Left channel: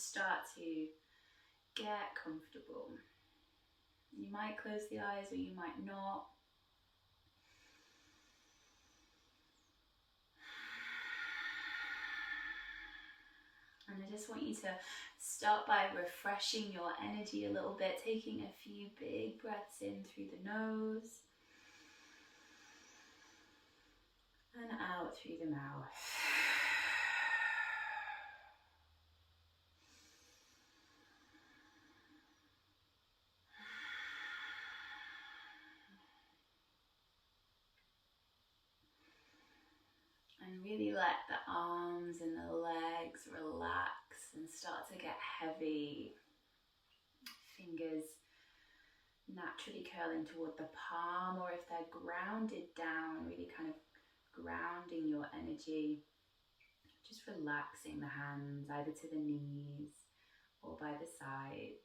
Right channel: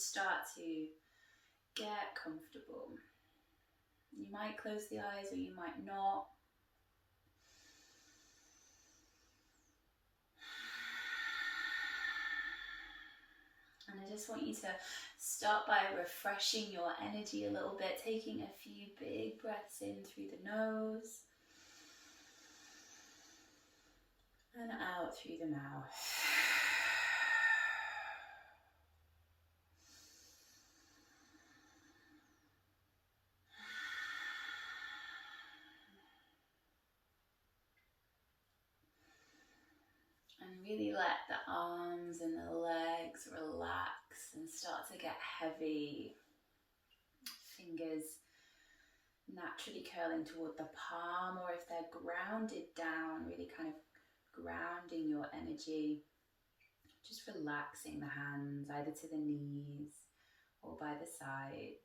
just start to get comfortable. You might close the eyes or you might not. And I just want you to start by refreshing your energy a little bit, taking a few big breaths in through the nose and out through the mouth. And really let the arms and the legs relax and start to get heavy. Fingers naturally curling toward the palm, or if they're grounded down, really kind of grounding your energy. Just relaxing the hands either to the knees or by the sides.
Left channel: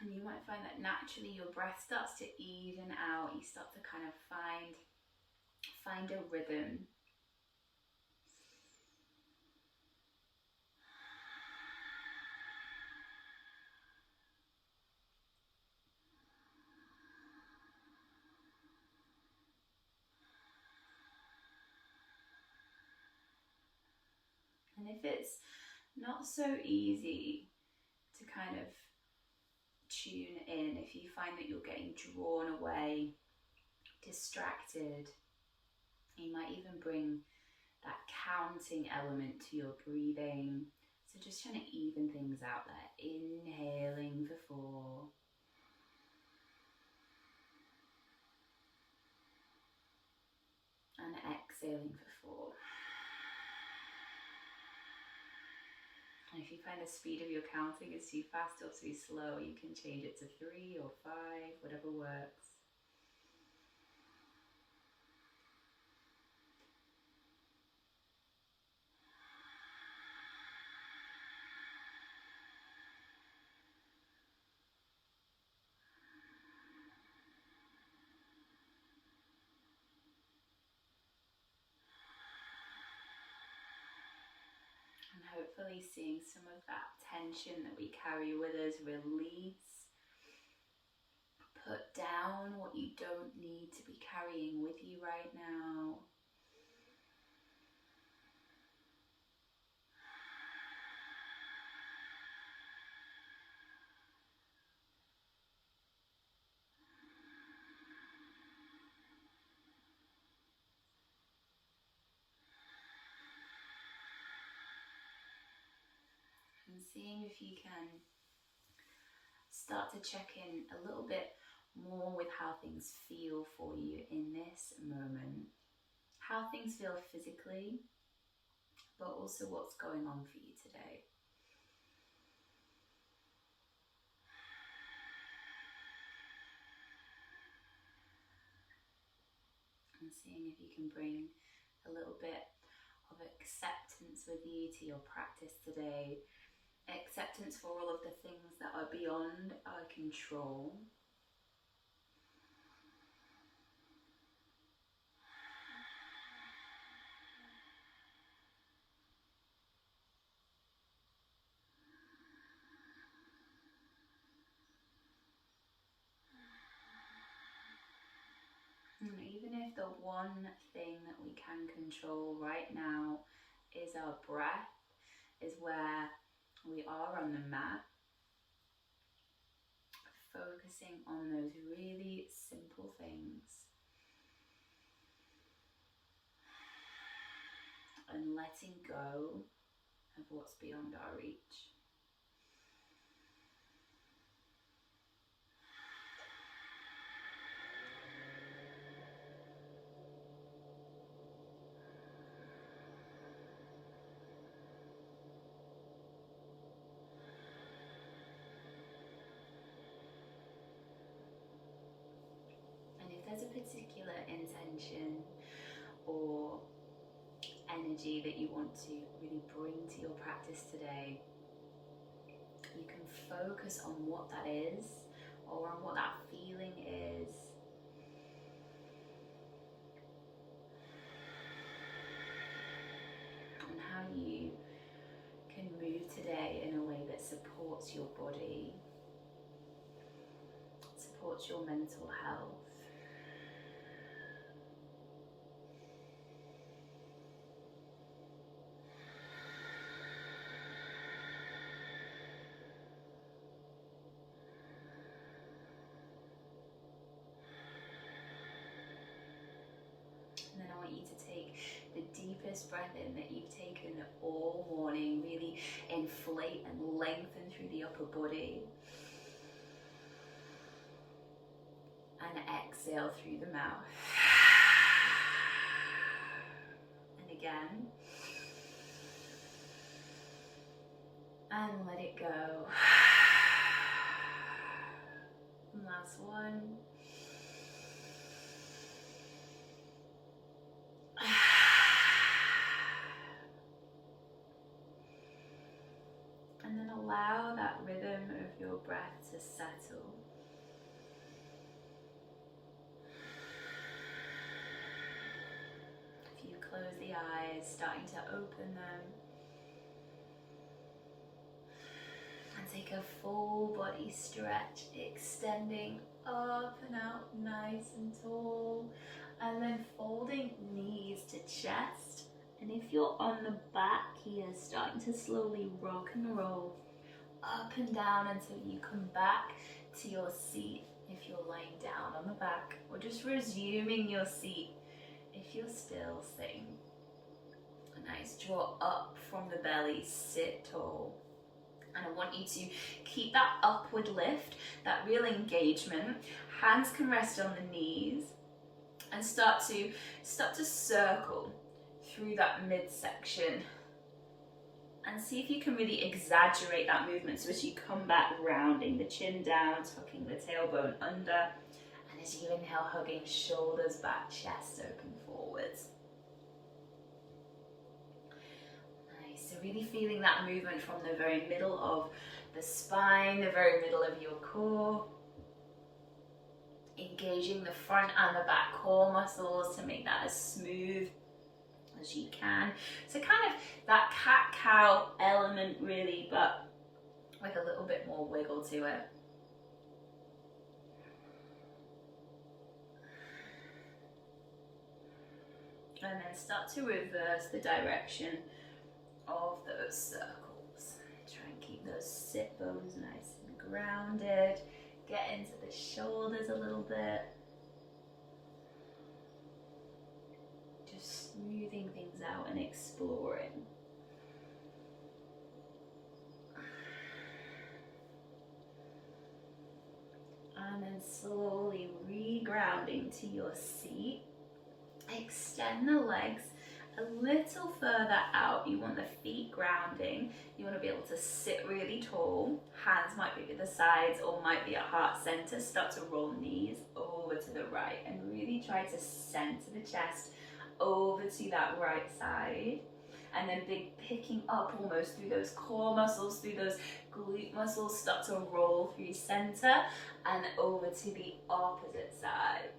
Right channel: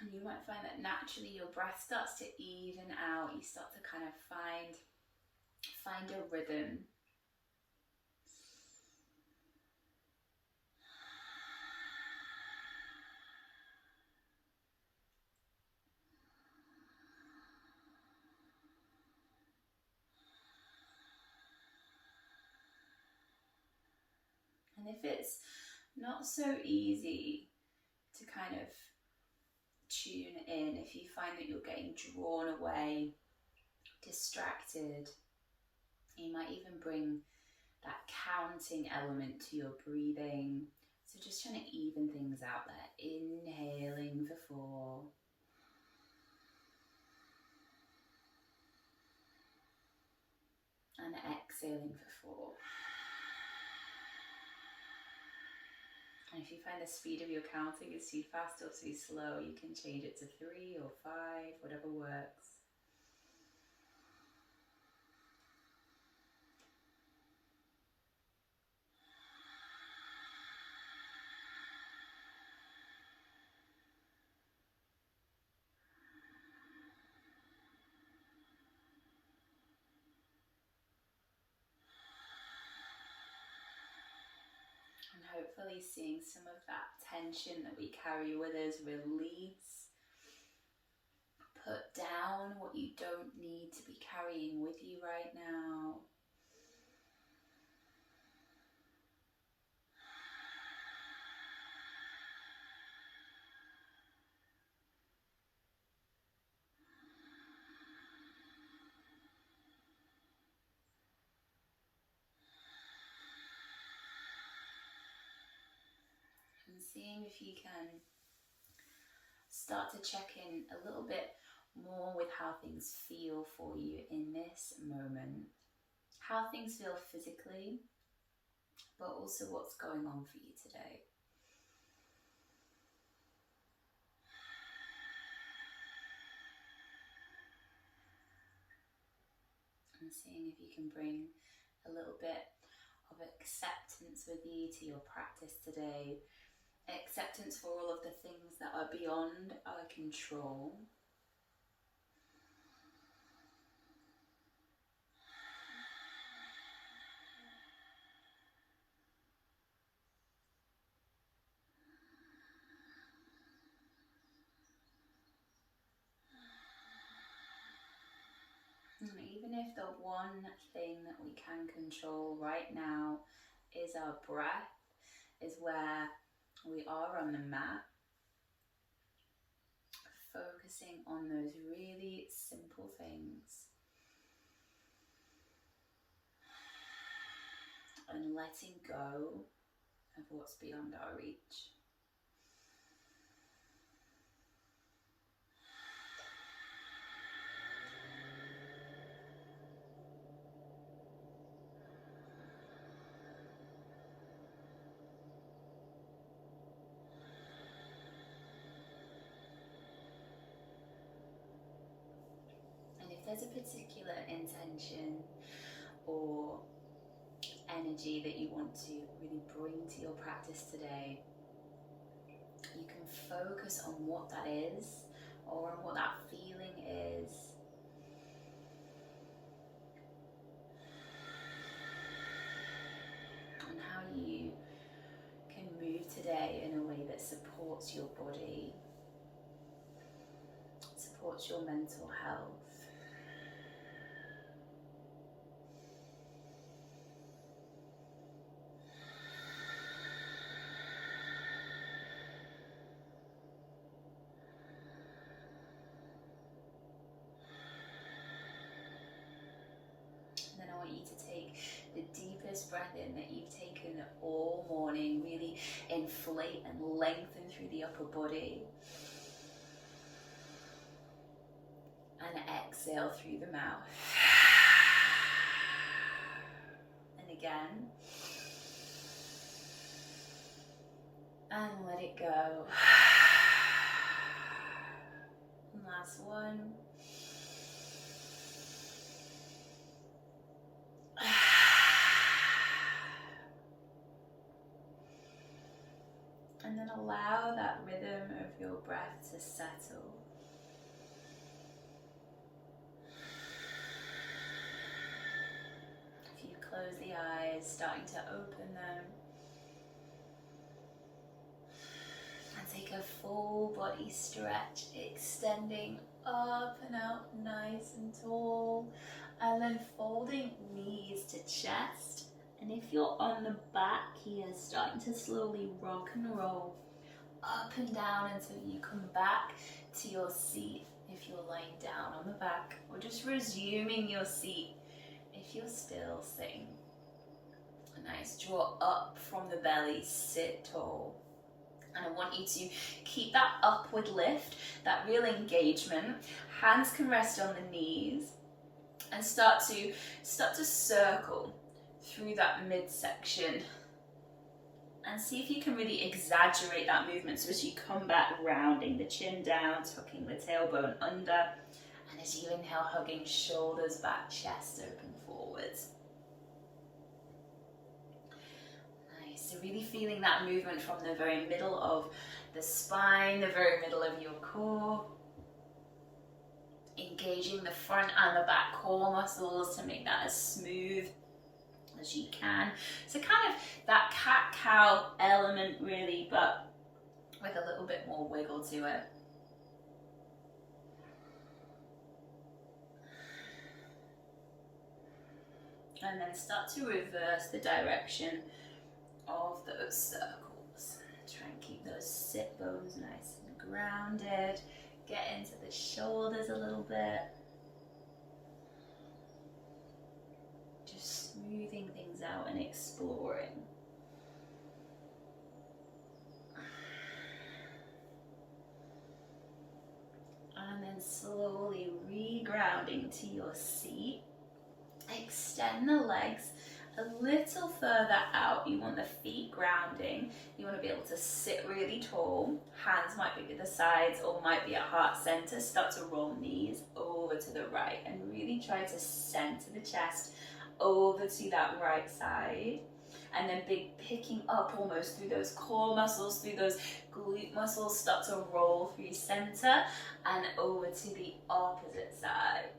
And you might find that naturally your breath starts to even out. You start to kind of find a rhythm. And if it's not so easy to kind of tune in, if you find that you're getting drawn away, distracted, you might even bring that counting element to your breathing. So just trying to even things out there. Inhaling for 4. And exhaling for 4. And if you find the speed of your counting is too fast or too slow, you can change it to 3 or 5, whatever works. And hopefully seeing some of that tension that we carry with us release. Put down what you don't need to be carrying with you right now. And seeing if you can start to check in a little bit more with how things feel for you in this moment. How things feel physically, but also what's going on for you today. And seeing if you can bring a little bit of acceptance with you to your practice today. Acceptance for all of the things that are beyond our control. And even if the one thing that we can control right now is our breath, is where we are on the mat, focusing on those really simple things and letting go of what's beyond our reach. if there's a particular intention or energy that you want to really bring to your practice today, you can focus on what that is, or on what that feeling is. And how you can move today in a way that supports your body, supports your mental health. And then I want you to take the deepest breath in that you've taken all morning. Really inflate and lengthen through the upper body. And exhale through the mouth. And again. And let it go. And last one. And then allow that rhythm of your breath to settle. If you close the eyes, starting to open them. And take a full body stretch, extending up and out nice and tall. And then folding knees to chest. And if you're on the back here, starting to slowly rock and roll up and down until you come back to your seat if you're lying down on the back, or just resuming your seat if you're still sitting. Nice, draw up from the belly, sit tall. And I want you to keep that upward lift, that real engagement. Hands can rest on the knees and start to circle through that midsection, and see if you can really exaggerate that movement. So as you come back, rounding the chin down, tucking the tailbone under, and as you inhale, hugging shoulders back, chest open forwards. Nice, so really feeling that movement from the very middle of the spine, the very middle of your core. Engaging the front and the back core muscles to make that as smooth as you can. So kind of that cat-cow element really, but with a little bit more wiggle to it. And then start to reverse the direction of those circles. Try and keep those sit bones nice and grounded. Get into the shoulders a little bit. Just smoothing things out and exploring. And then slowly re-grounding to your seat. Extend the legs a little further out. You want the feet grounding. You want to be able to sit really tall. Hands might be at the sides or might be at heart center. Start to roll knees over to the right and really try to center the chest over to that right side. And then picking up almost through those core muscles, through those glute muscles. Start to roll through center and over to the opposite side.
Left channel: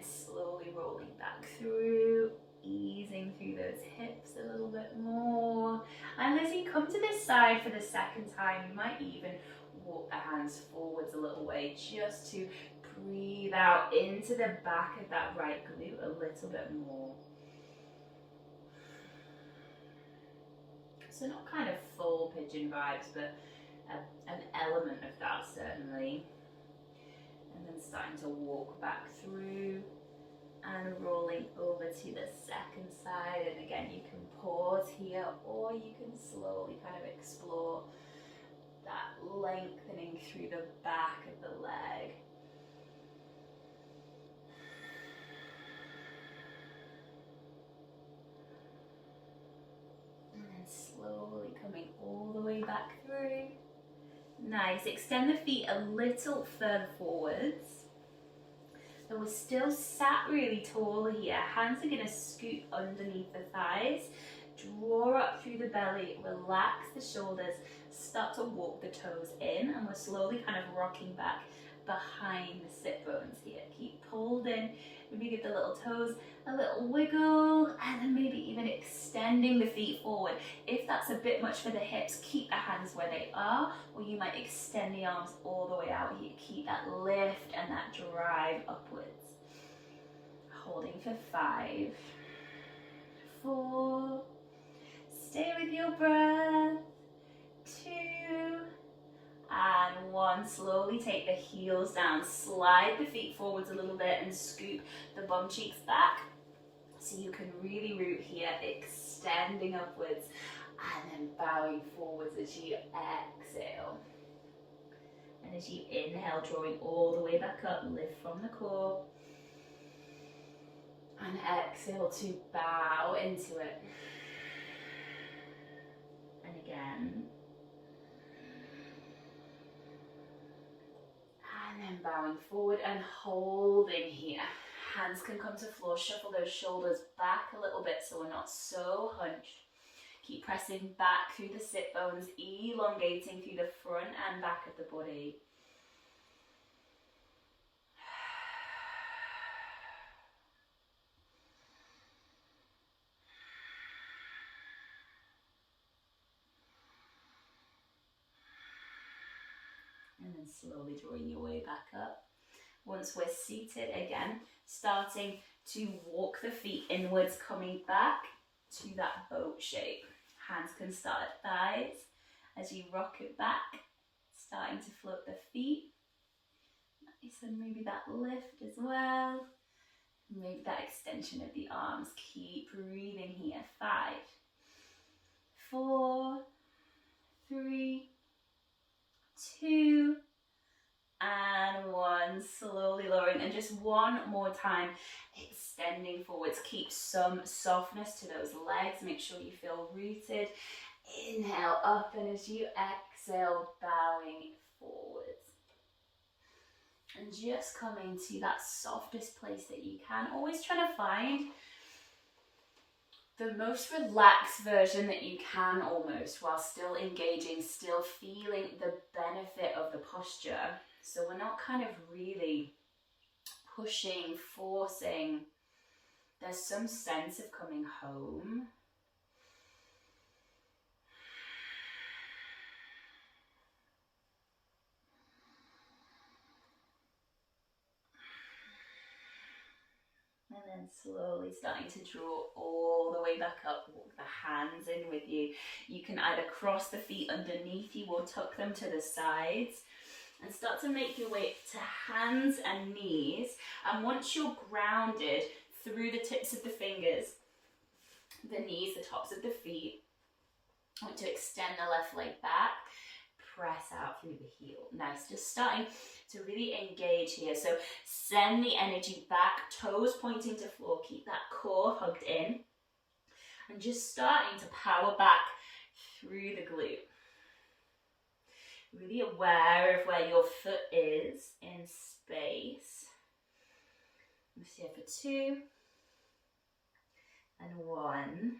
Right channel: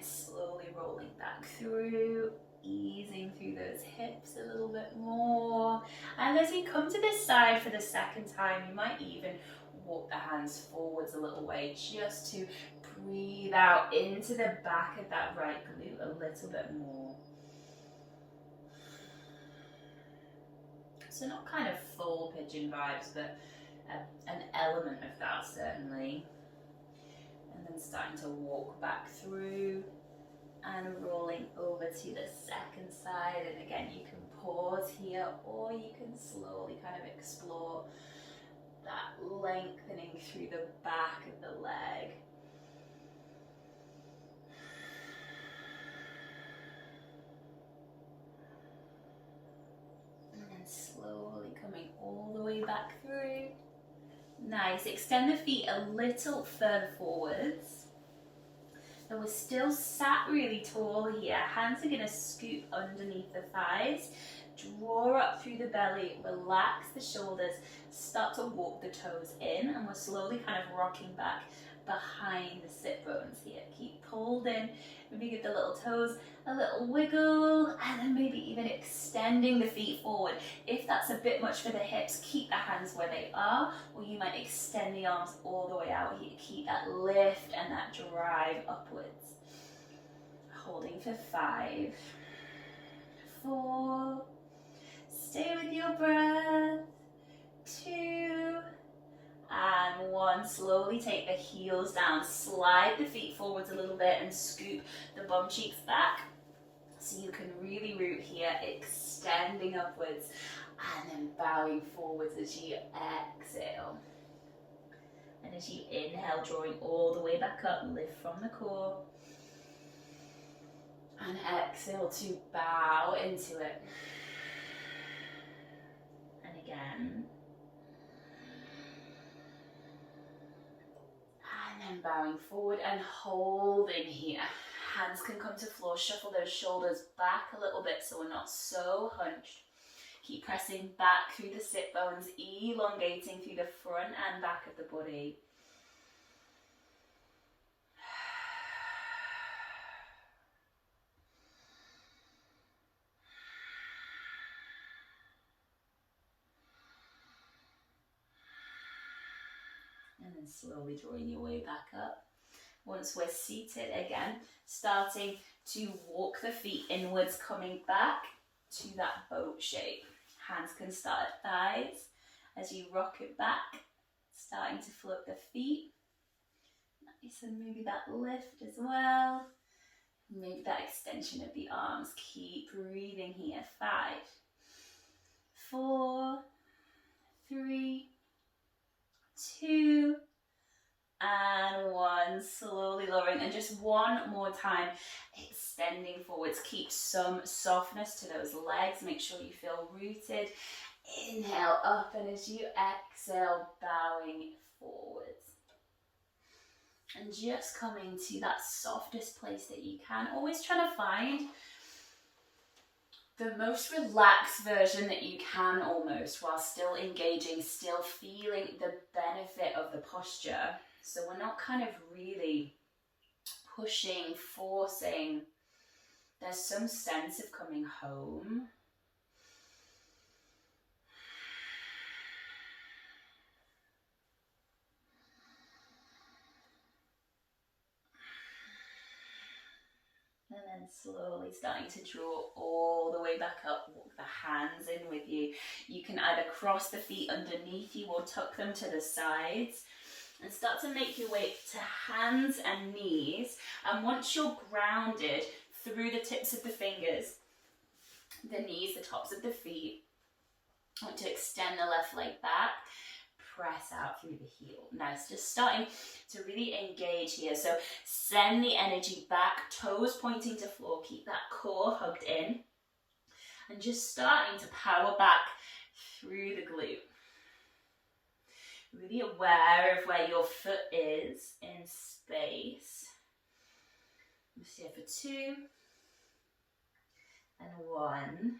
Slowly rolling back through, easing through those hips a little bit more. And as you come to this side for the second time, you might even walk the hands forwards a little way just to breathe out into the back of that right glute a little bit more. So not kind of full pigeon vibes, but an element of that certainly. And then starting to walk back through and rolling over to the second side. And again, you can pause here or you can slowly kind of explore that lengthening through the back of the leg. And then slowly coming all the way back through. Nice. Nice. Extend the feet a little further forwards. And we're still sat really tall here. Hands are going to scoop underneath the thighs. Draw up through the belly, relax the shoulders, start to walk the toes in, and we're slowly kind of rocking back behind the sit bones here. Keep pulled in, maybe give the little toes a little wiggle, and then maybe even extending the feet forward. If that's a bit much for the hips, keep the hands where they are, or you might extend the arms all the way out here. Keep that lift and that drive upwards. Holding for 5, 4, stay with your breath, 2, and 1. Slowly take the heels down, slide the feet forwards a little bit and scoop the bum cheeks back so you can really root here, extending upwards and then bowing forwards as you exhale. And as you inhale, drawing all the way back up, lift from the core. And exhale to bow into it. And again. And then bowing forward and holding here. Hands can come to floor, shuffle those shoulders back a little bit so we're not so hunched. Keep pressing back through the sit bones, elongating through the front and back of the body. And then slowly drawing your way back up. Once we're seated again, starting to walk the feet inwards, coming back to that boat shape. Hands can start at thighs as you rock it back, starting to float the feet. Nice, and maybe that lift as well. Maybe that extension of the arms. Keep breathing here. 5, 4, 3, 2, and 1. Slowly lowering, and just one more time, extending forwards. Keep some softness to those legs. Make sure you feel rooted. Inhale up, and as you exhale, bowing forwards. And just coming to that softest place that you can. Always trying to find the most relaxed version that you can almost, while still engaging, still feeling the benefit of the posture. So we're not kind of really pushing, forcing. There's some sense of coming home. And then slowly starting to draw all the way back up, walk the hands in with you. You can either cross the feet underneath you or tuck them to the sides. And start to make your way to hands and knees. And once you're grounded through the tips of the fingers, the knees, the tops of the feet, I want to extend the left leg back, press out through the heel. Now it's just starting to really engage here. So send the energy back, toes pointing to floor, keep that core hugged in. And just starting to power back through the glute. Really aware of where your foot is in space. Let's here for 2 and 1.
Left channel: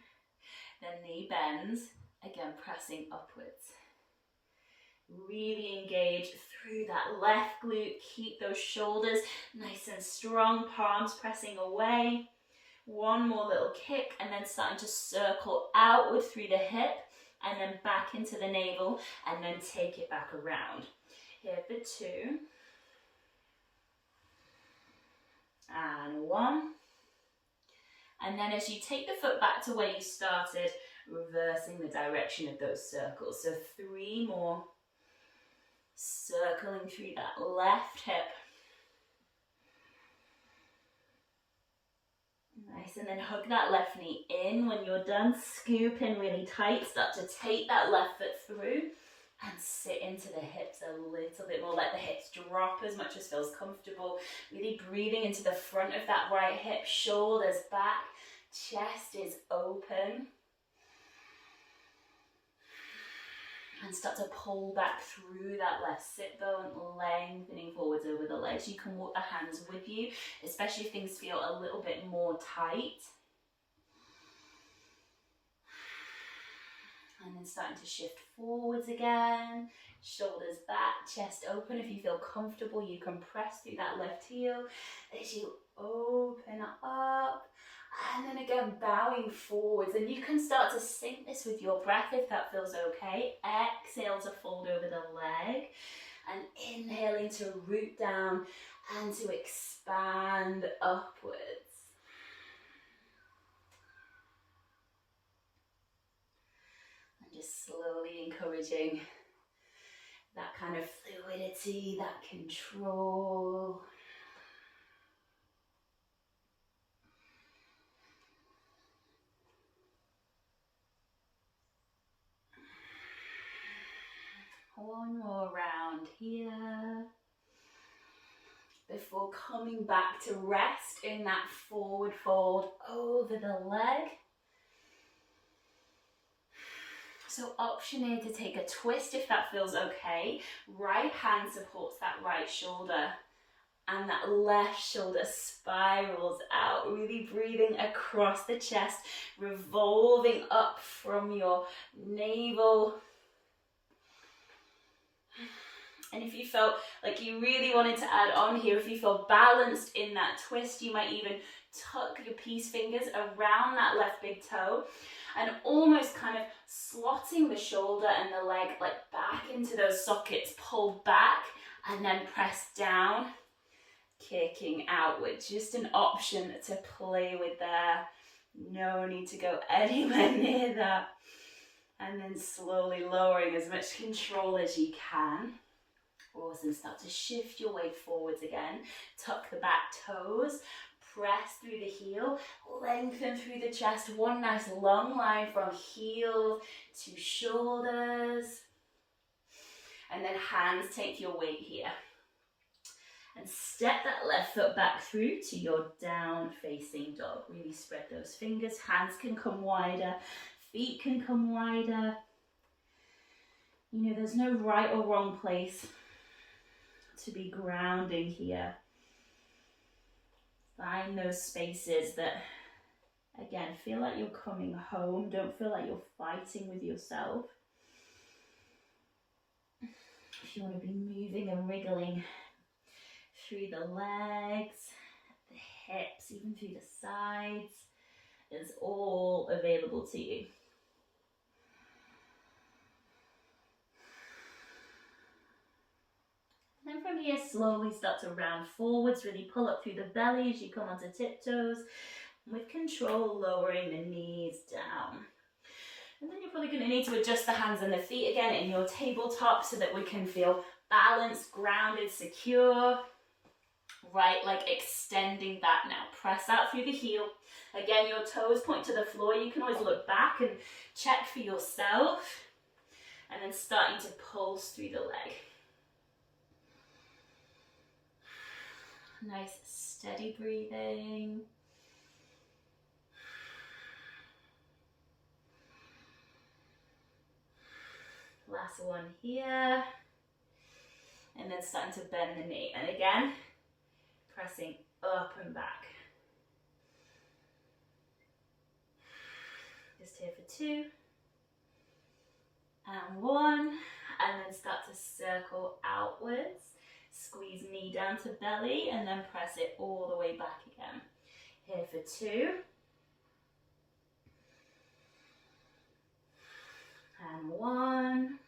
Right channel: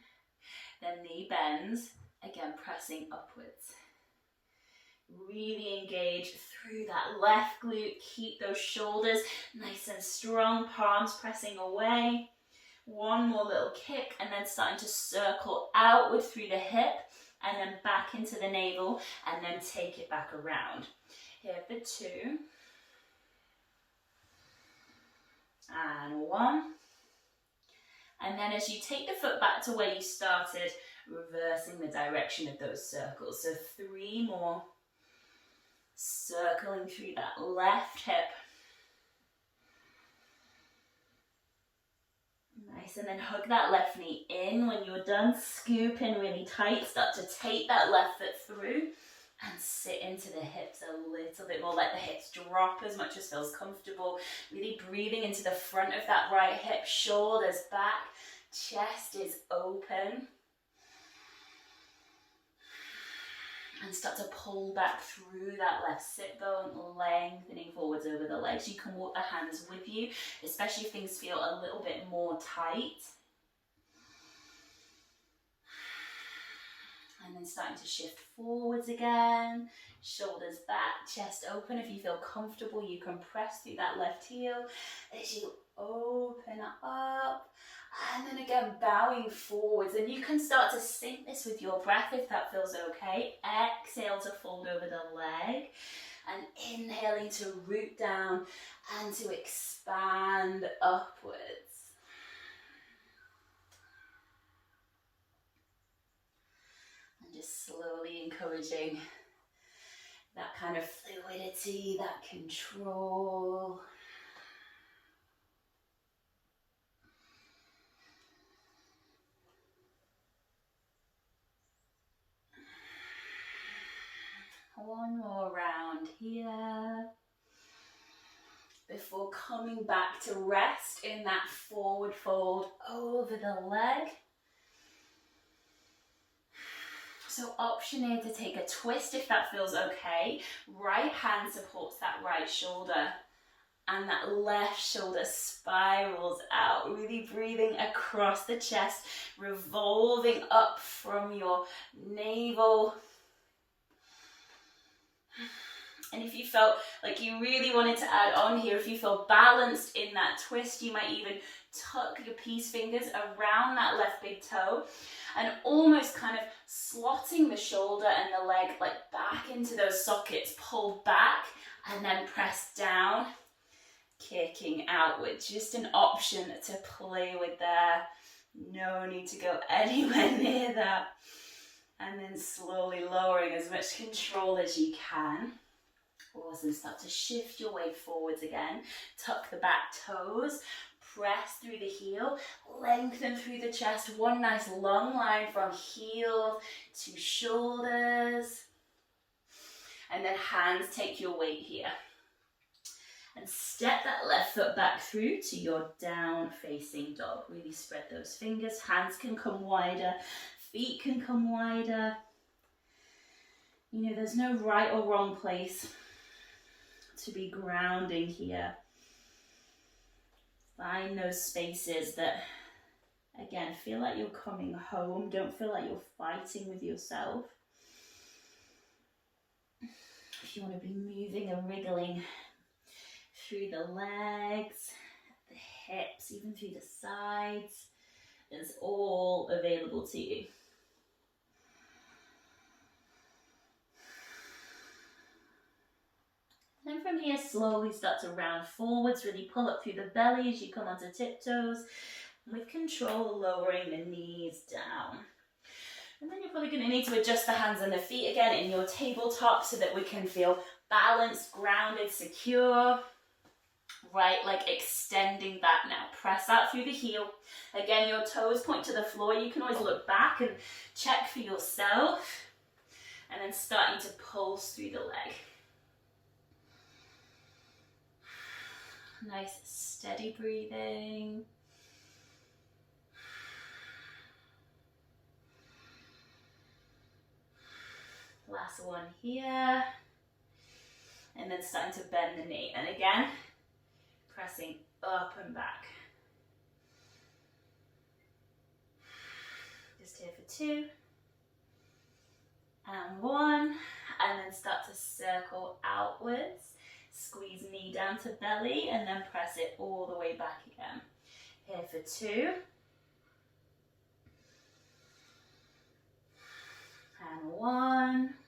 Then knee bends, again pressing upwards. Really engage through that left glute. Keep those shoulders nice and strong, palms pressing away. One more little kick, and then starting to circle outward through the hip. And then back into the navel, and then take it back around. Here for 2. And 1. And then as you take the foot back to where you started, reversing the direction of those circles. So 3 more. Circling through that left hip. Nice, and then hug that left knee in. When you're done, scoop in really tight. Start to take that left foot through and sit into the hips a little bit more. Let the hips drop as much as feels comfortable. Really breathing into the front of that right hip, shoulders back, chest is open. And start to pull back through that left sit bone, lengthening forwards over the legs. You can walk the hands with you, especially if things feel a little bit more tight. And then starting to shift forwards again, shoulders back, chest open. If you feel comfortable, you can press through that left heel as you open up. And then again, bowing forwards. And you can start to sync this with your breath if that feels okay. Exhale to fold over the leg. And inhaling to root down and to expand upwards. And just slowly encouraging that kind of fluidity, that control. One more round here before coming back to rest in that forward fold over the leg. So option A to take a twist if that feels okay. Right hand supports that right shoulder and that left shoulder spirals out, really breathing across the chest, revolving up from your navel. And if you felt like you really wanted to add on here, if you feel balanced in that twist, you might even tuck your peace fingers around that left big toe and almost kind of slotting the shoulder and the leg like back into those sockets, pull back and then press down, kicking outward. Just an option to play with there. No need to go anywhere near that. And then slowly lowering as much control as you can. Awesome, start to shift your weight forwards again. Tuck the back toes, press through the heel, lengthen through the chest. One nice long line from heel to shoulders. And then hands take your weight here. And step that left foot back through to your down facing dog. Really spread those fingers. Hands can come wider, feet can come wider. You know, there's no right or wrong place to be grounding here. Find those spaces that, again, feel like you're coming home. Don't feel like you're fighting with yourself. If you want to be moving and wriggling through the legs, the hips, even through the sides, is all available to you. And from here, slowly start to round forwards, really pull up through the belly as you come onto tiptoes. With control, lowering the knees down. And then you're probably going to need to adjust the hands and the feet again in your tabletop so that we can feel balanced, grounded, secure. Right leg extending back now. Press out through the heel. Again, your toes point to the floor. You can always look back and check for yourself. And then starting to pulse through the leg. Nice steady breathing. Last one here. And then starting to bend the knee. And again, pressing up and back. Just here for 2. And 1. And then start to circle outwards. Squeeze knee down to belly and then press it all the way back again. Here for 2. And 1.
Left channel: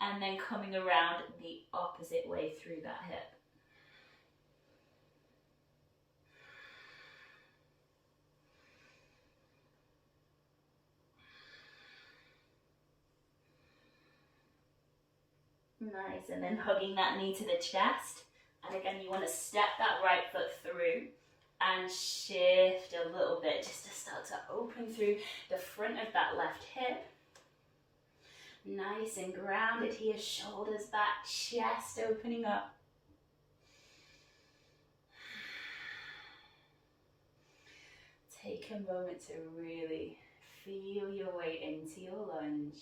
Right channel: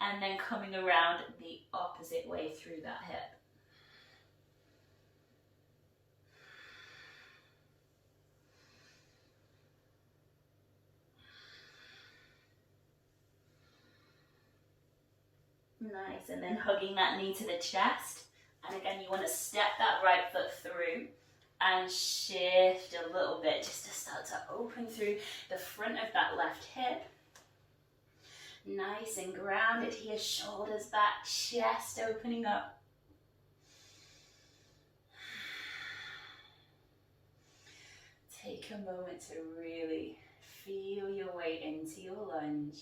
And then coming around the opposite way through that hip. Nice, and then hugging that knee to the chest. And again, you want to step that right foot through and shift a little bit just to start to open through the front of that left hip. Nice and grounded here, shoulders back, chest opening up. Take a moment to really feel your way into your lunge.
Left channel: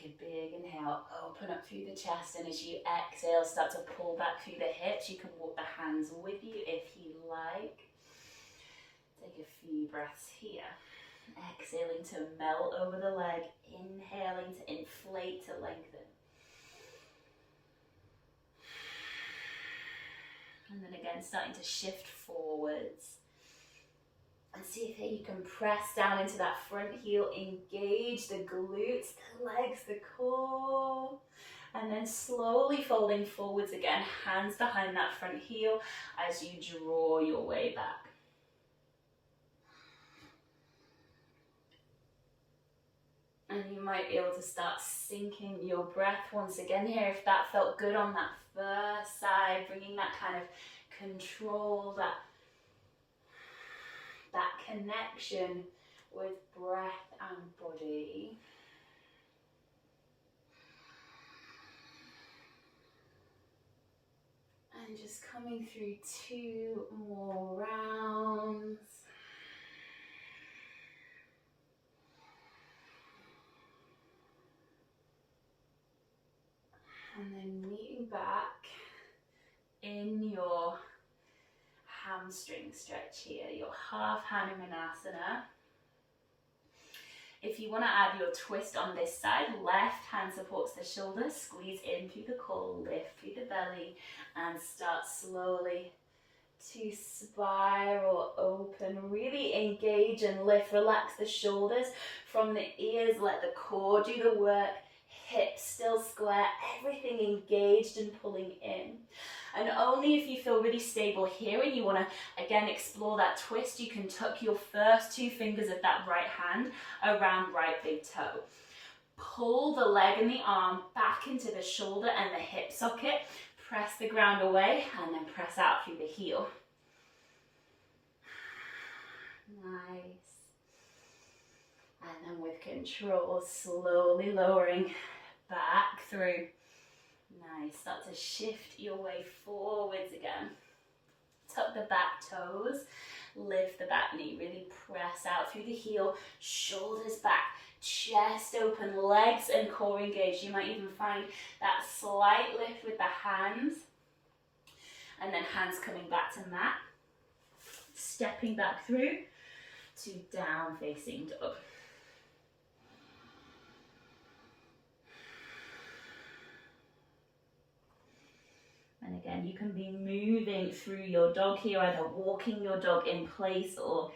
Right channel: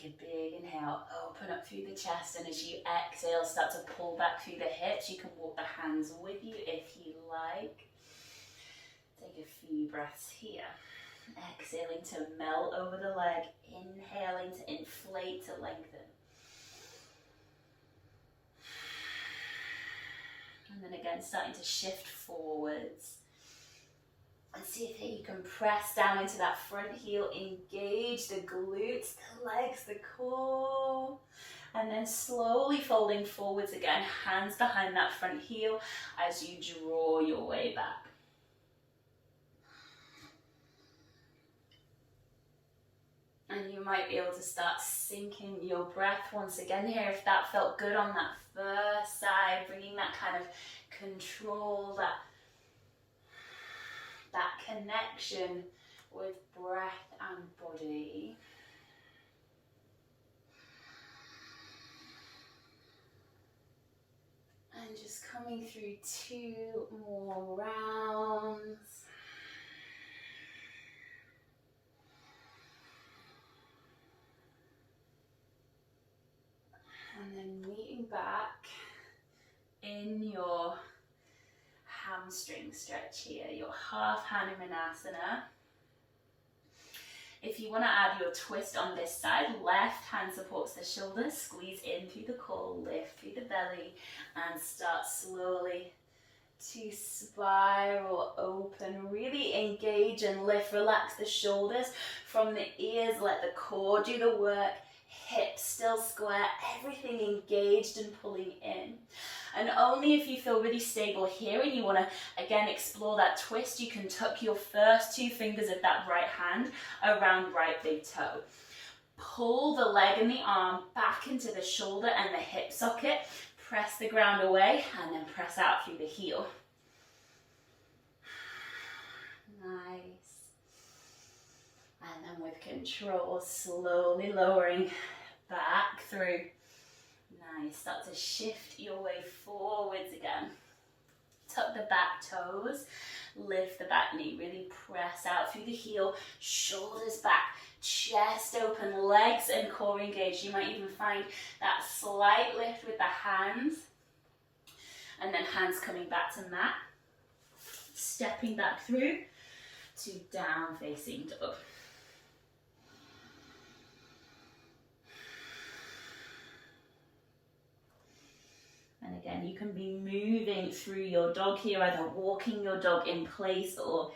Take a big inhale, open up through the chest, and as you exhale, start to pull back through the hips. You can walk the hands with you if you like. Take a few breaths here. Exhaling to melt over the leg, inhaling to inflate, to lengthen. And then again, starting to shift forwards. And see if you can press down into that front heel, engage the glutes, the legs, the core. And then slowly folding forwards again, hands behind that front heel as you draw your way back. And you might be able to start syncing your breath once again here if that felt good on that first side, bringing that kind of control, that connection with breath and body. And just coming through 2 more rounds. And then meeting back in your hamstring stretch here, your half Hanumanasana. If you want to add your twist on this side, left hand supports the shoulders, squeeze in through the core, lift through the belly, and start slowly to spiral open. Really engage and lift, relax the shoulders from the ears, let the core do the work, hips still square, everything engaged and pulling in. And only if you feel really stable here and you want to again explore that twist, you can tuck your first 2 fingers of that right hand around right big toe. Pull the leg and the arm back into the shoulder and the hip socket. Press the ground away and then press out through the heel. Nice. And then with control, slowly lowering back through. Nice. Start to shift your way forwards again. Tuck the back toes, lift the back knee, really press out through the heel, shoulders back, chest open, legs and core engaged. You might even find that slight lift with the hands, and then hands coming back to mat, stepping back through to down facing dog. And again, you can be moving through your dog here, either walking your dog in place or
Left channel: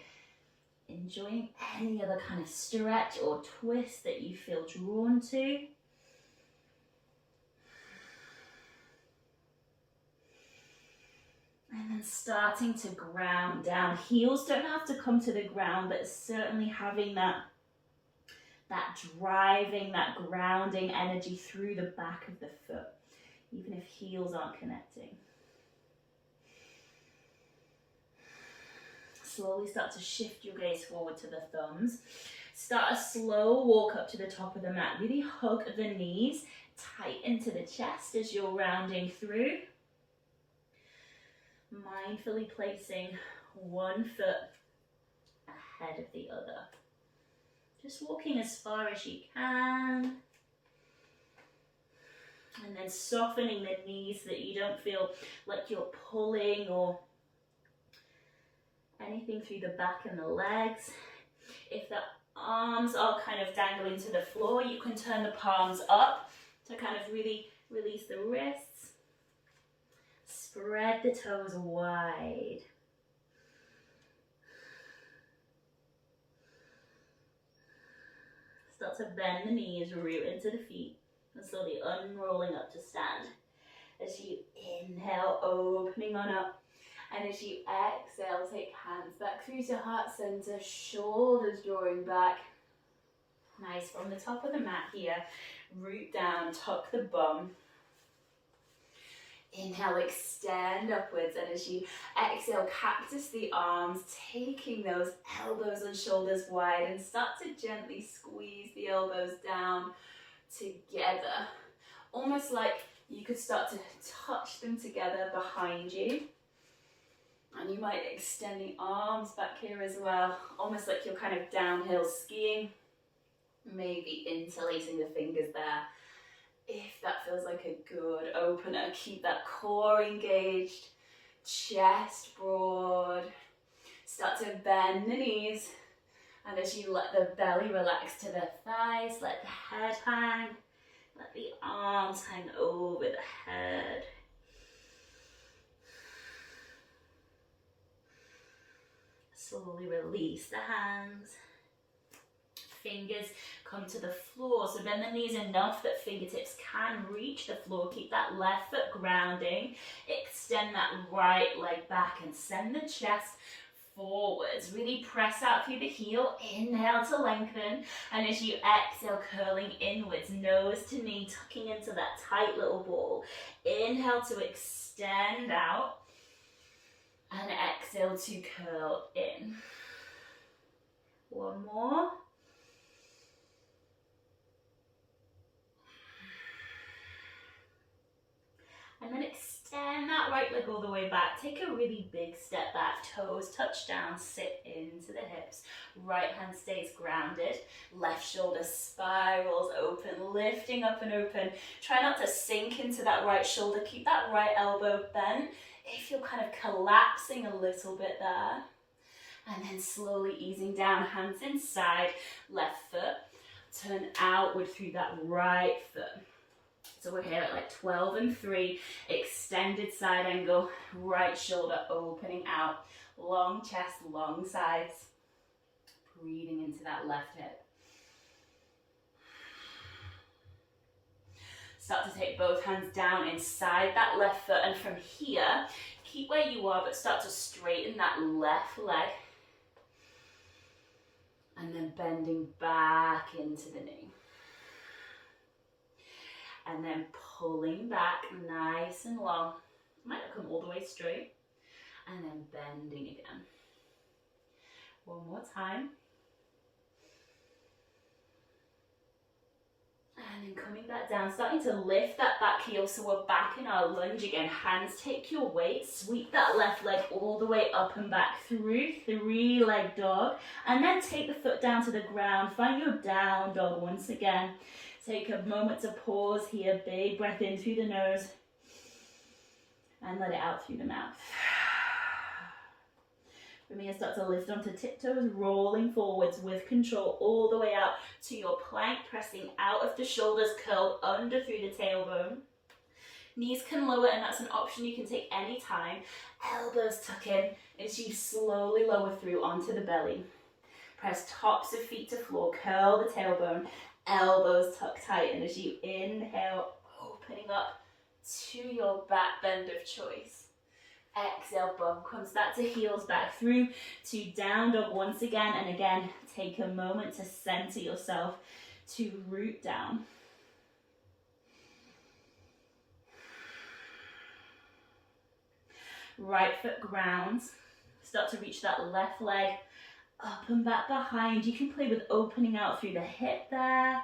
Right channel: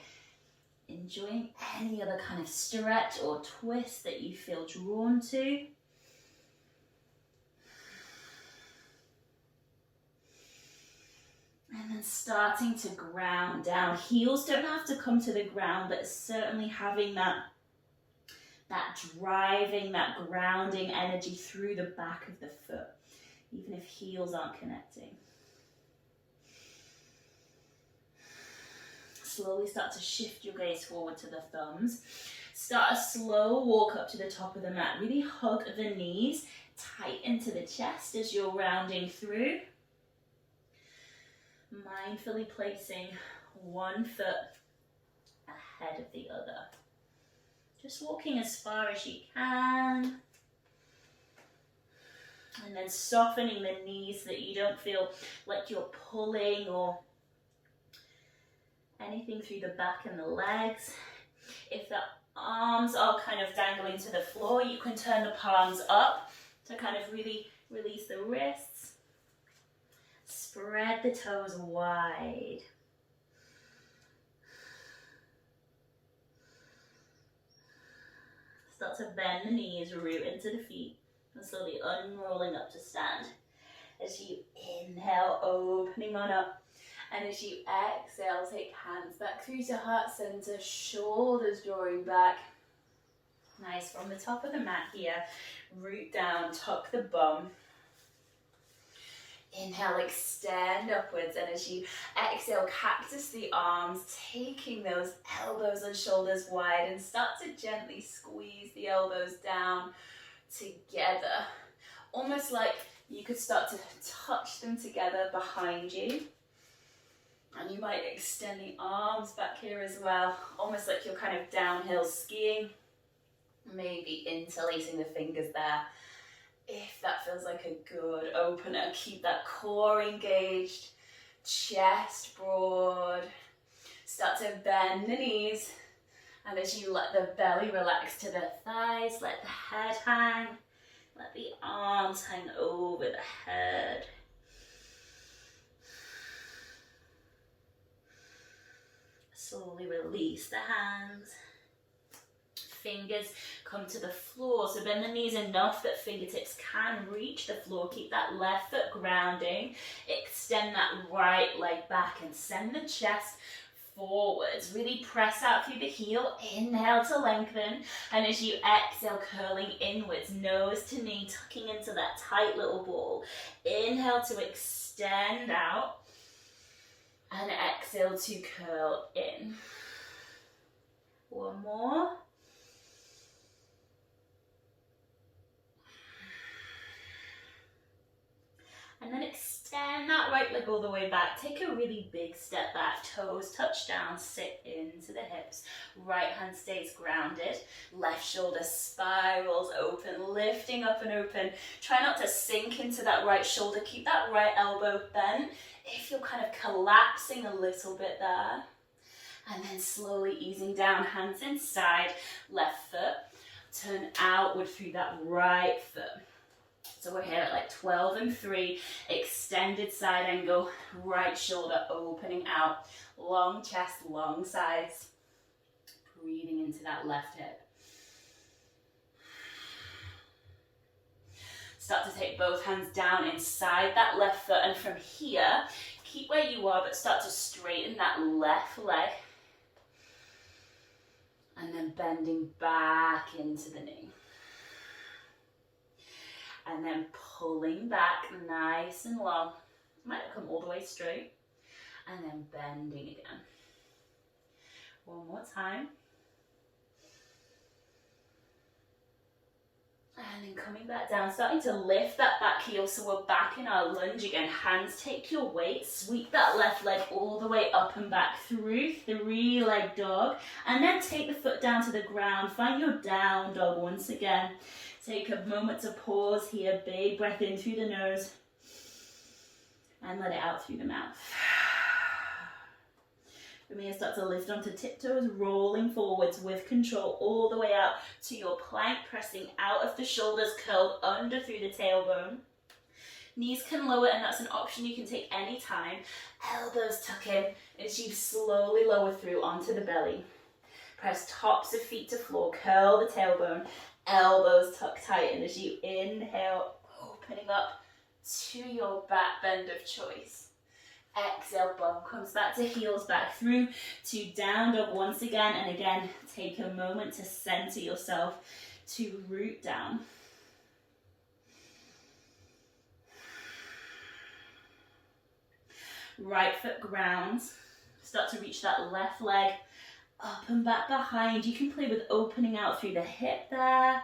enjoying any other kind of stretch or twist that you feel drawn to. And then starting to ground down. Heels don't have to come to the ground, but certainly having that driving, that grounding energy through the back of the foot, even if heels aren't connecting. Slowly start to shift your gaze forward to the thumbs. Start a slow walk up to the top of the mat. Really hug the knees, tighten to the chest as you're rounding through. Mindfully placing one foot ahead of the other. Just walking as far as you can. And then softening the knees so that you don't feel like you're pulling or anything through the back and the legs. If the arms are kind of dangling to the floor, you can turn the palms up to kind of really release the wrists. Spread the toes wide. Start to bend the knees, root into the feet, and slowly unrolling up to stand. As you inhale, opening on up. And as you exhale, take hands back through to heart center, shoulders drawing back. Nice, from the top of the mat here, root down, tuck the bum. Inhale, extend upwards, and as you exhale, cactus the arms, taking those elbows and shoulders wide, and start to gently squeeze the elbows down together. Almost like you could start to touch them together behind you. And you might extend the arms back here as well, almost like you're kind of downhill skiing. Maybe interlacing the fingers there. If that feels like a good opener, keep that core engaged, chest broad. Start to bend the knees. And as you let the belly relax to the thighs, let the head hang. Let the arms hang over the head. Slowly release the hands. Fingers come to the floor, so bend the knees enough that fingertips can reach the floor. Keep that left foot grounding. Extend that right leg back and send the chest forwards. Really press out through the heel. Inhale to lengthen, and as you exhale, curling inwards, nose to knee, tucking into that tight little ball. Inhale to extend out, and exhale to curl in. One more. And then extend that right leg all the way back. Take a really big step back. Toes touch down, sit into the hips. Right hand stays grounded. Left shoulder spirals open, lifting up and open. Try not to sink into that right shoulder. Keep that right elbow bent. If you're kind of collapsing a little bit there. And then slowly easing down, hands inside, left foot. Turn outward through that right foot. So we're here at like 12 and 3, extended side angle, right shoulder opening out, long chest, long sides, breathing into that left hip. Start to take both hands down inside that left foot, and from here, keep where you are, but start to straighten that left leg. And then bending back into the knee. And then pulling back nice and long. Might not come all the way straight. And then bending again. One more time. And then coming back down, starting to lift that back heel, so we're back in our lunge again. Hands take your weight, sweep that left leg all the way up and back through 3-leg dog, and then take the foot down to the ground. Find your down dog once again. Take a moment to pause here, big breath in through the nose, and let it out through the mouth. From here, start to lift onto tiptoes, rolling forwards with control all the way out to your plank, pressing out of the shoulders, curled under through the tailbone. Knees can lower, and that's an option you can take any time. Elbows tuck in as you slowly lower through onto the belly. Press tops of feet to floor, curl the tailbone, elbows tuck tight, and as you inhale, opening up to your back bend of choice. Exhale, bum comes back to heels, back through to down dog once again, and again, take a moment to center yourself, to root down. Right foot grounds, start to reach that left leg up and back behind. You can play with opening out through the hip there,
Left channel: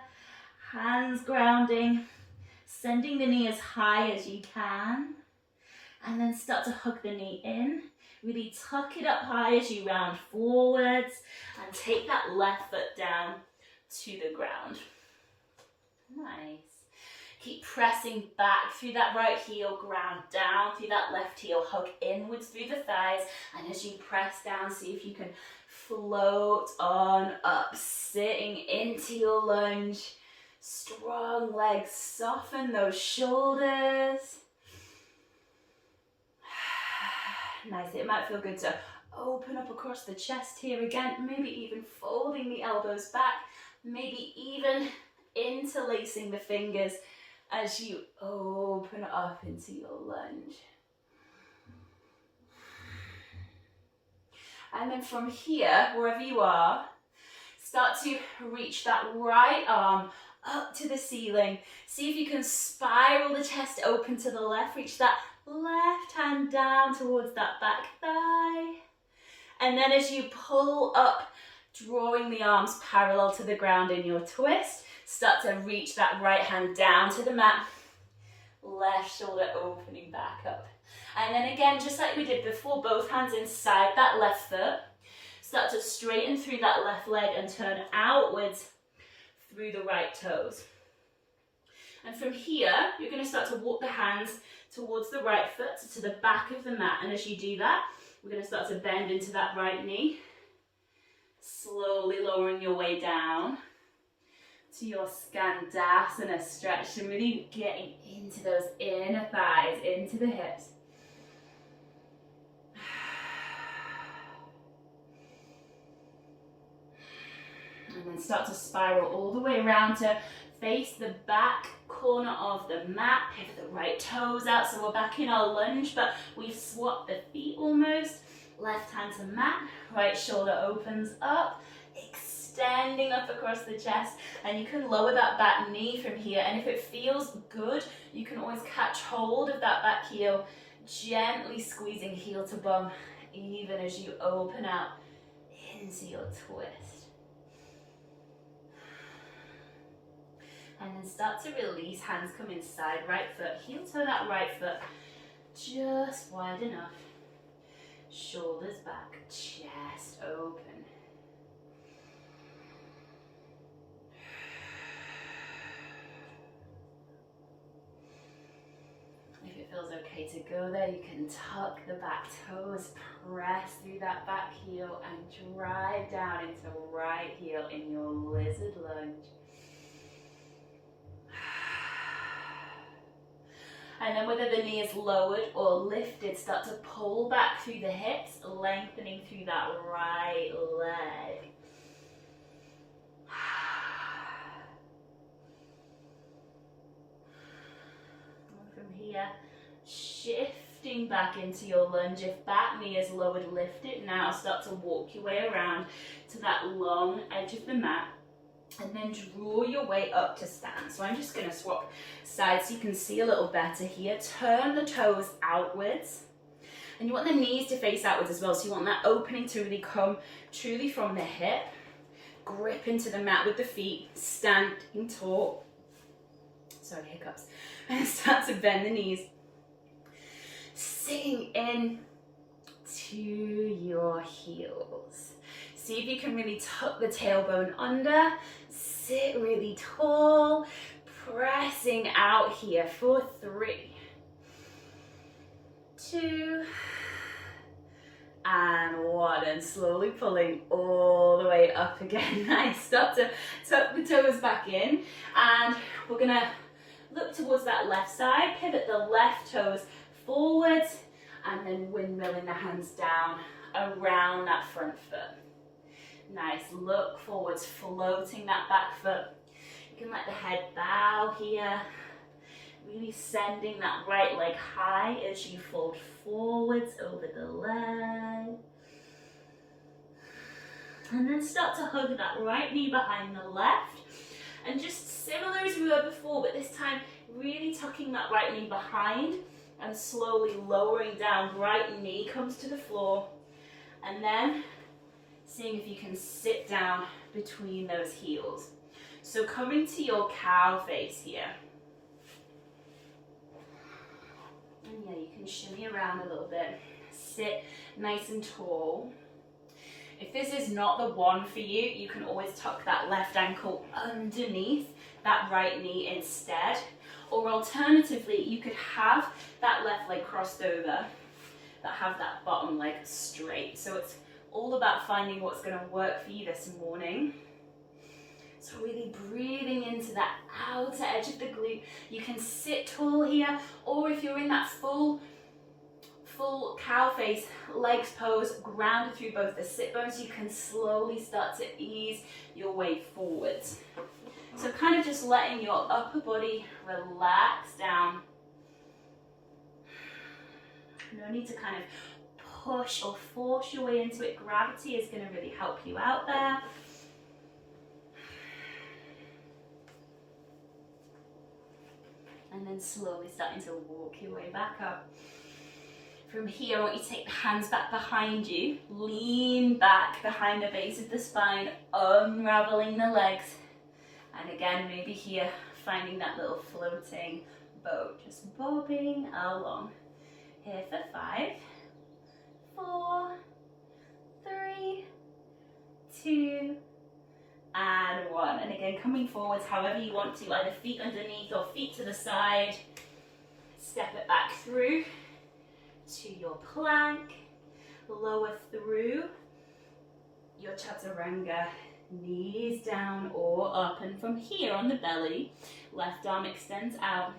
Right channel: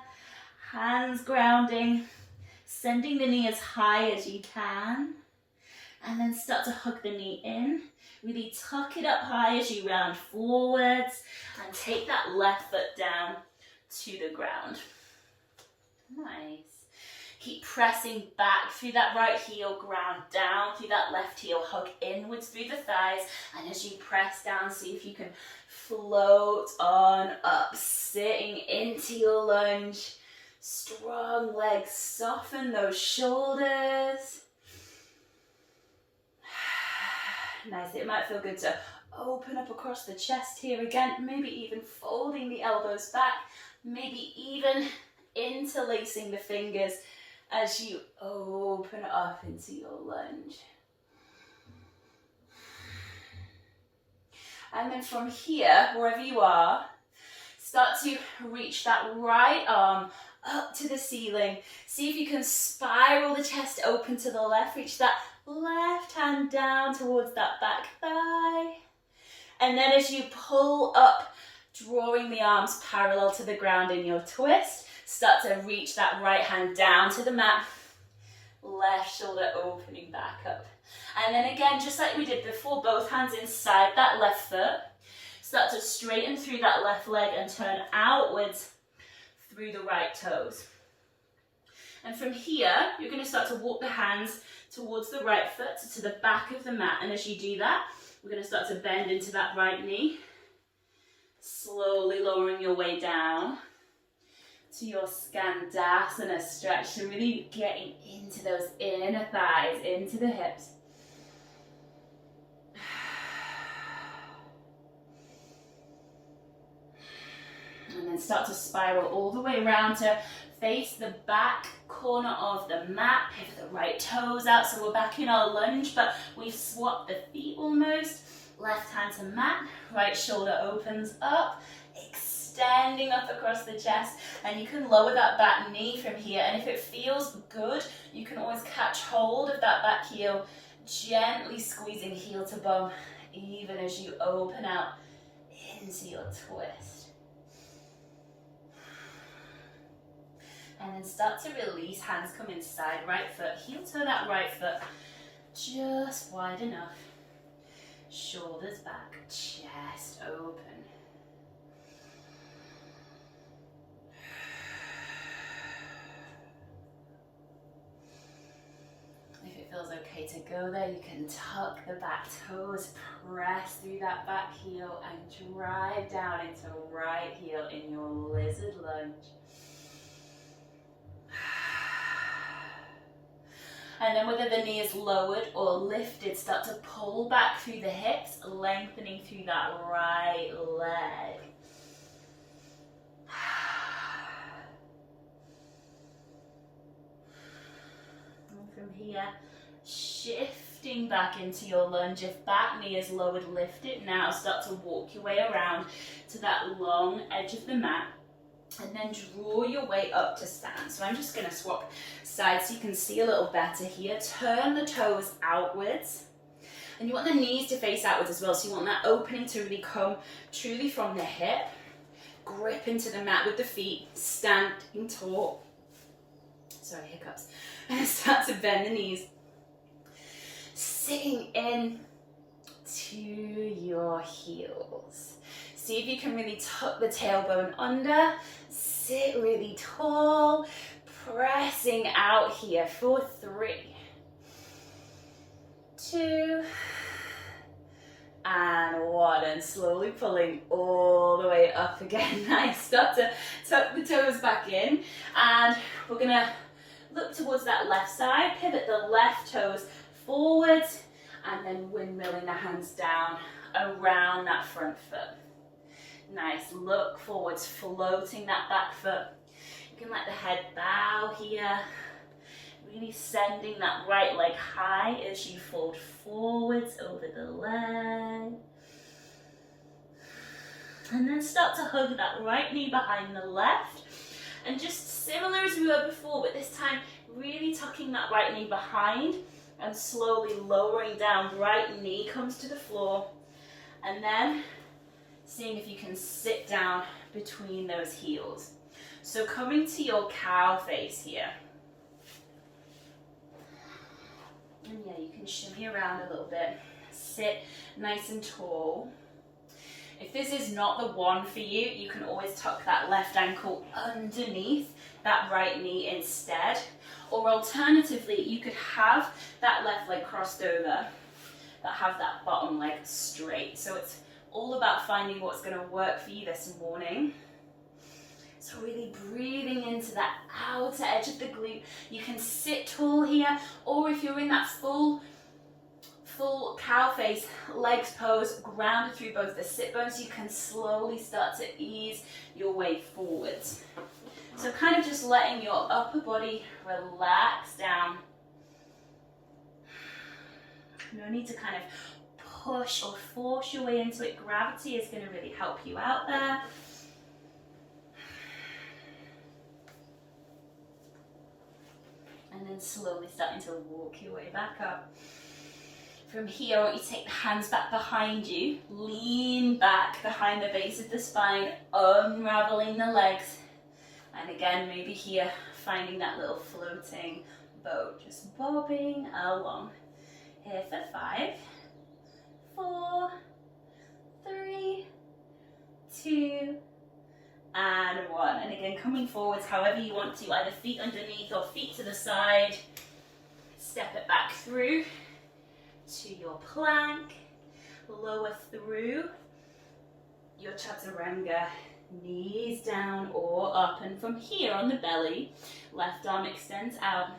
hands grounding, sending the knee as high as you can. And then start to hug the knee in. Really tuck it up high as you round forwards. And take that left foot down to the ground. Nice. Keep pressing back through that right heel, ground down through that left heel, hug inwards through the thighs. And as you press down, see if you can float on up, sitting into your lunge. Strong legs, soften those shoulders. Nice. It might feel good to open up across the chest here again, maybe even folding the elbows back, maybe even interlacing the fingers as you open up into your lunge. And then from here, wherever you are, start to reach that right arm up to the ceiling. See if you can spiral the chest open to the left, reach that left hand down towards that back thigh. And then as you pull up, drawing the arms parallel to the ground in your twist, start to reach that right hand down to the mat. Left shoulder opening back up. And then again, just like we did before, both hands inside that left foot. Start to straighten through that left leg and turn outwards through the right toes. And from here, you're going to start to walk the hands towards the right foot, to the back of the mat. And as you do that, we're going to start to bend into that right knee. Slowly lowering your way down to your Skandasana stretch, and really getting into those inner thighs, into the hips. And then start to spiral all the way around to face the back corner of the mat. Pivot the right toes out, so we're back in our lunge, but we've swapped the feet almost. Left hand to mat, right shoulder opens up, extending up across the chest, and you can lower that back knee from here, and if it feels good, you can always catch hold of that back heel, gently squeezing heel to bum, even as you open out into your twist. And then start to release, hands come inside, right foot, heel toe that right foot, just wide enough. Shoulders back, chest open. If it feels okay to go there, you can tuck the back toes, press through that back heel, and drive down into right heel in your lizard lunge. And then whether the knee is lowered or lifted, start to pull back through the hips, lengthening through that right leg. And from here, shifting back into your lunge. If back knee is lowered, lift it now. Start to walk your way around to that long edge of the mat. And then draw your way up to stand. So I'm just going to swap sides so you can see a little better here. Turn the toes outwards. And you want the knees to face outwards as well. So you want that opening to really come truly from the hip. Grip into the mat with the feet, standing tall. Sorry, hiccups. And start to bend the knees. Sitting in to your heels. See if you can really tuck the tailbone under. Sit really tall, pressing out here for 3, 2, and 1, and slowly pulling all the way up again. Nice. Start to tuck the toes back in, and we're gonna look towards that left side, pivot the left toes forwards, and then windmilling the hands down around that front foot. Nice, look forwards, floating that back foot. You can let the head bow here, really sending that right leg high as you fold forwards over the leg. And then start to hug that right knee behind the left. And just similar as we were before, but this time really tucking that right knee behind and slowly lowering down. Right knee comes to the floor. And then seeing if you can sit down between those heels. So coming to your cow face here. And yeah, you can shimmy around a little bit. Sit nice and tall. If this is not the one for you, you can always tuck that left ankle underneath that right knee instead. Or alternatively, you could have that left leg crossed over, but have that bottom leg straight. So it's all about finding what's going to work for you this morning. So really breathing into that outer edge of the glute. You can sit tall here, or if you're in that full cow face, legs pose, grounded through both the sit bones, you can slowly start to ease your way forwards. So kind of just letting your upper body relax down. No need to kind of push or force your way into it. Gravity is going to really help you out there. And then slowly starting to walk your way back up. From here, I want you to take the hands back behind you, lean back behind the base of the spine, unraveling the legs. And again, maybe here, finding that little floating boat, just bobbing along. Here for 5, 4, 3, 2, and 1. And again, coming forwards however you want to, either feet underneath or feet to the side. Step it back through to your plank. Lower through your chaturanga, knees down or up. And from here on the belly, left arm extends out.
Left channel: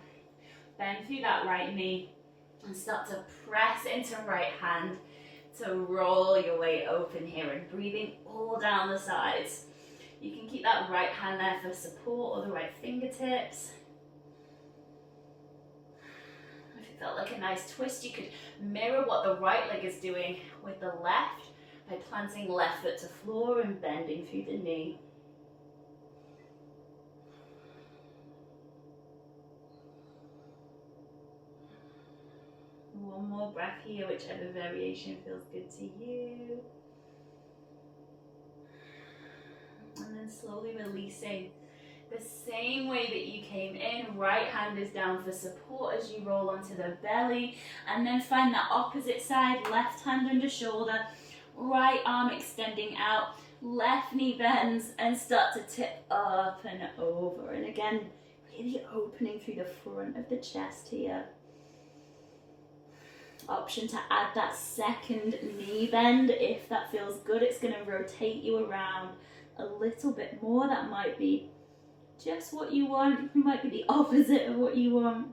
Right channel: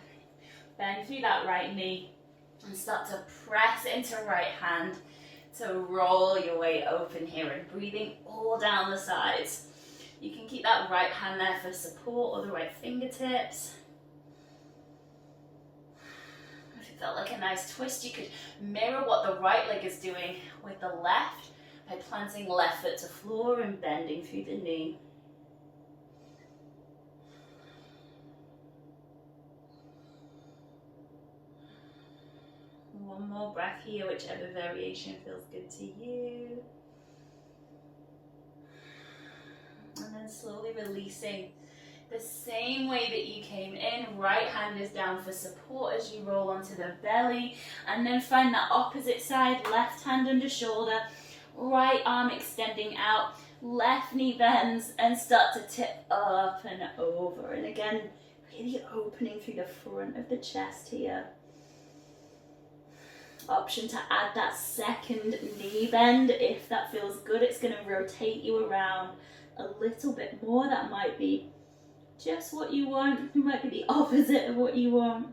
Bend through that right knee and start to press into right hand to roll your way open here, and breathing all down the sides. You can keep that right hand there for support, or the right fingertips. If it felt like a nice twist, you could mirror what the right leg is doing with the left by planting left foot to floor and bending through the knee. One more breath here, whichever variation feels good to you. And then slowly releasing the same way that you came in. Right hand is down for support as you roll onto the belly. And then find that opposite side, left hand under shoulder, right arm extending out, left knee bends, and start to tip up and over. And again, really opening through the front of the chest here. Option to add that second knee bend if that feels good. It's going to rotate you around a little bit more. That might be just what you want. It might be the opposite of what you want.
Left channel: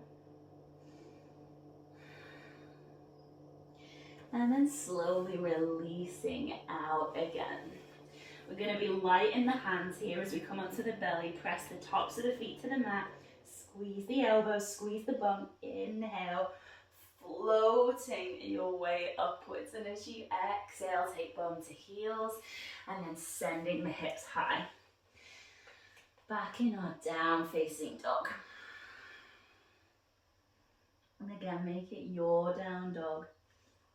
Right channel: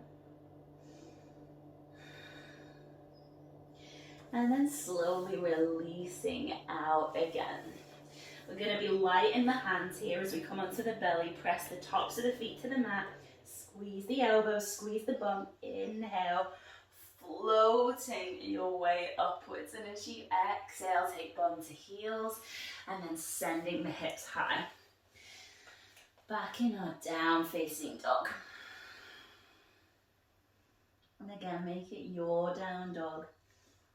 And then slowly releasing out again. We're going to be light in the hands here as we come onto the belly. Press the tops of the feet to the mat. Squeeze the elbows, squeeze the bum. Inhale. Floating your way upwards, and as you exhale, take bum to heels, and then sending the hips high. Back in our down facing dog. And again, make it your down dog.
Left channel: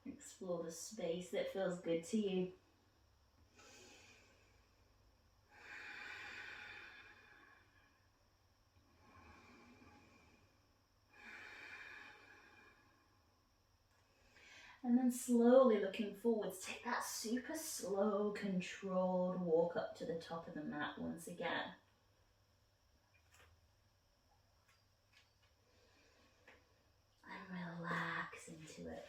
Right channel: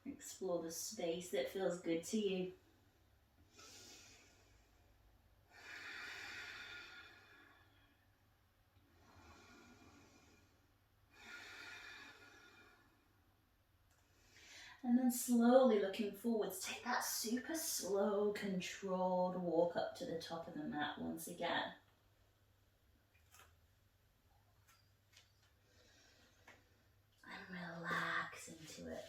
Explore the space that feels good to you. And then slowly looking forwards, take that super slow, controlled walk up to the top of the mat once again. And relax into it.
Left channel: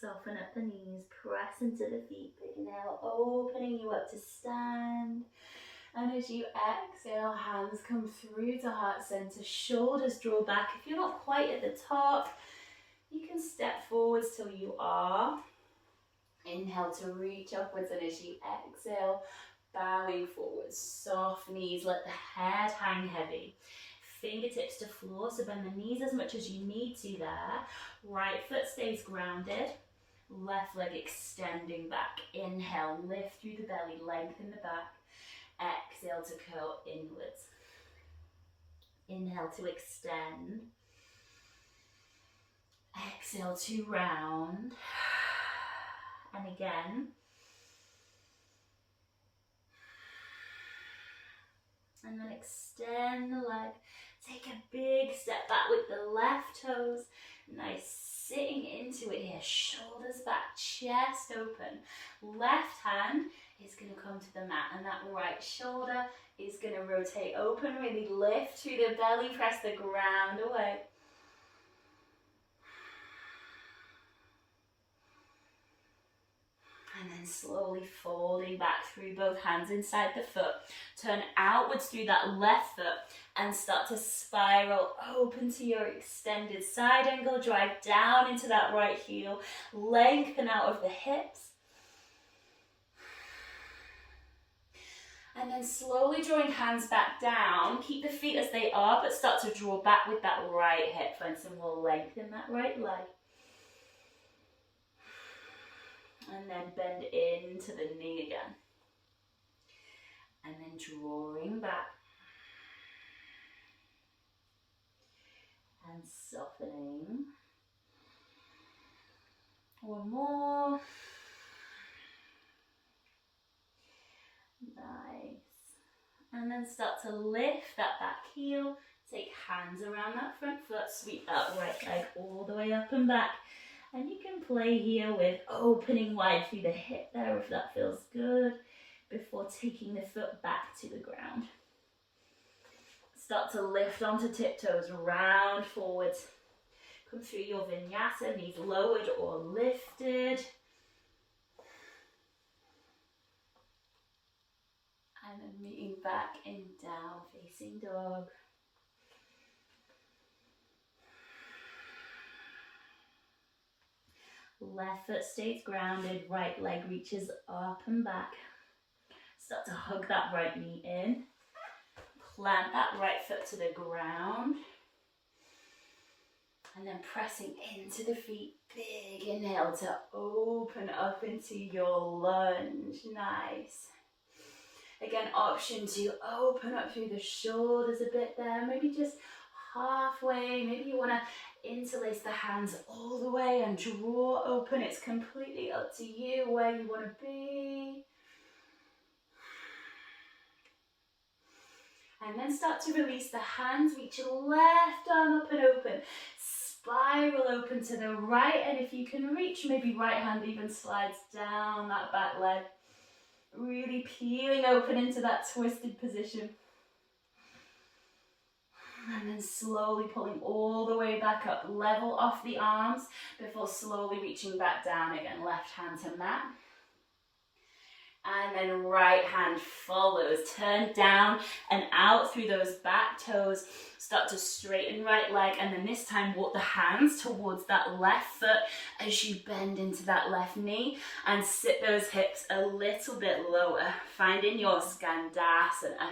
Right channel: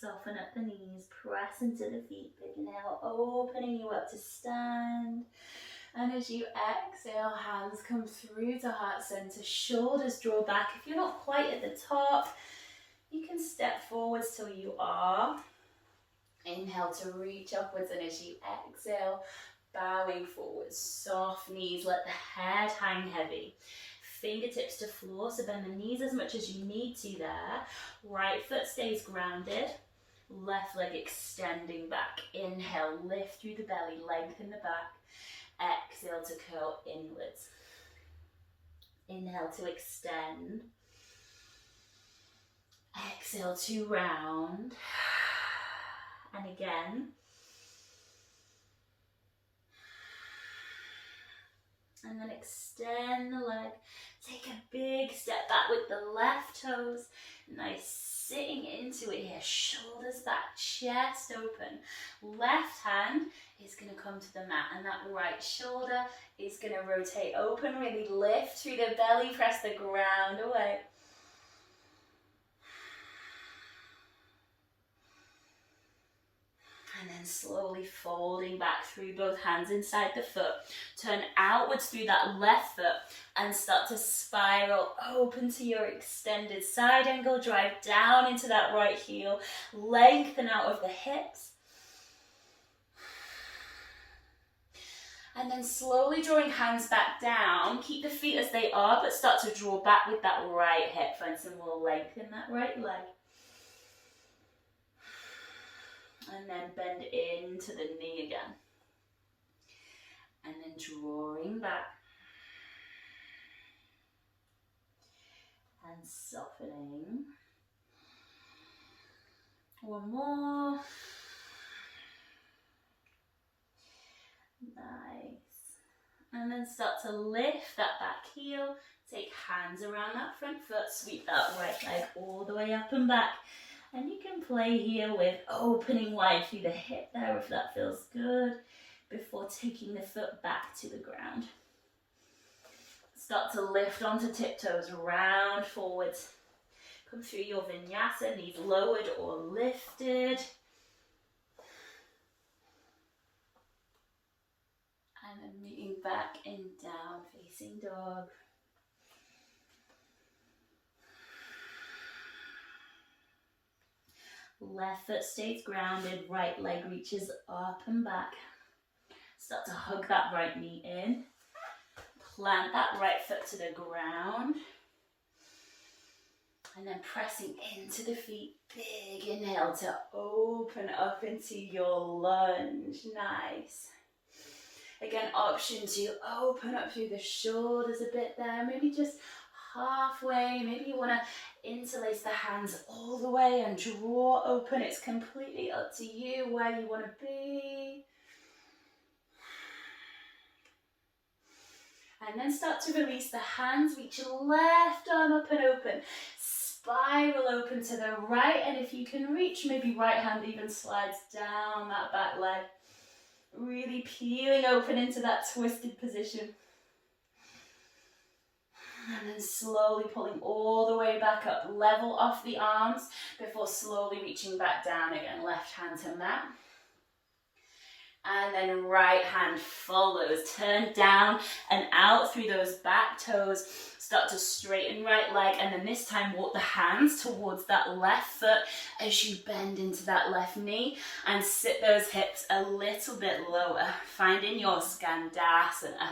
Soften up the knees, press into the feet, big inhale, opening you up to stand. And as you exhale, hands come through to heart center, shoulders draw back. If you're not quite at the top, you can step forwards till you are. Inhale to reach upwards, and as you exhale, bowing forwards, soft knees, let the head hang heavy. Fingertips to floor, so bend the knees as much as you need to there. Right foot stays grounded, left leg extending back. Inhale, lift through the belly, lengthen the back. Exhale to curl inwards. Inhale to extend. Exhale to round. And again. And then extend the leg. Take a big step back with the left toes. Nice sitting into it here. Shoulders back, chest open. Left hand is going to come to the mat, and that right shoulder is going to rotate open. Really lift through the belly, press the ground away. And then slowly folding back through both hands inside the foot. Turn outwards through that left foot and start to spiral open to your extended side angle. Drive down into that right heel. Lengthen out of the hips. And then slowly drawing hands back down. Keep the feet as they are, but start to draw back with that right hip. Find some more length in that right leg. And then bend into the knee again. And then drawing back. And softening. One more. Nice. And then start to lift that back heel. Take hands around that front foot. Sweep that right leg all the way up and back. And you can play here with opening wide through the hip there if that feels good, before taking the foot back to the ground. Start to lift onto tiptoes, round forwards. Come through your vinyasa, knees lowered or lifted. And then moving back in down, facing dog. Left foot stays grounded, right leg reaches up and back. Start to hug that right knee in. Plant that right foot to the ground. And then pressing into the feet, big inhale to open up into your lunge. Nice. Again, option to open up through the shoulders a bit there, maybe just halfway. Maybe you want to interlace the hands all the way and draw open. It's completely up to you where you want to be. And then start to release the hands, reach your left arm up and open. Spiral open to the right, and if you can reach, maybe right hand even slides down that back leg. Really peeling open into that twisted position. And then slowly pulling all the way back up. Level off the arms before slowly reaching back down again. Left hand to mat. And then right hand follows. Turn down and out through those back toes. Start to straighten right leg, and then this time walk the hands towards that left foot as you bend into that left knee and sit those hips a little bit lower. Finding your Skandasana.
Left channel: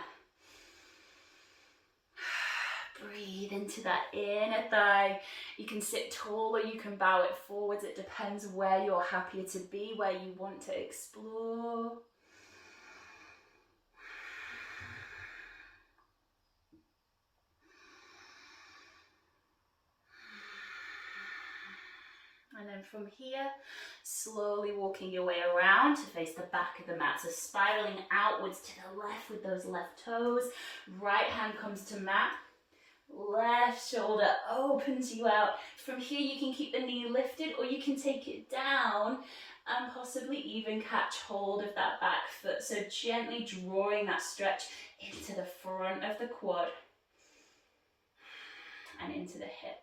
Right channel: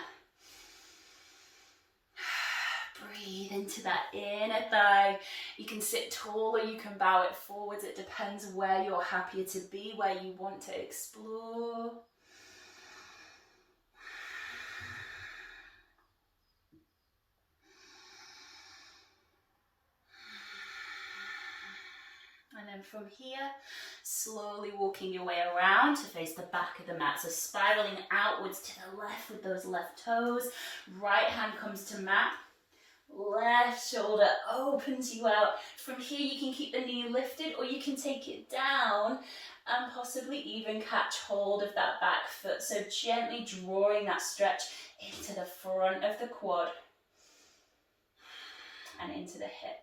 Breathe into that inner thigh. You can sit tall or you can bow it forwards. It depends where you're happier to be, where you want to explore. And then from here, slowly walking your way around to face the back of the mat. So spiraling outwards to the left with those left toes. Right hand comes to mat. Left shoulder opens you out. From here you can keep the knee lifted or you can take it down and possibly even catch hold of that back foot. So gently drawing that stretch into the front of the quad and into the hip.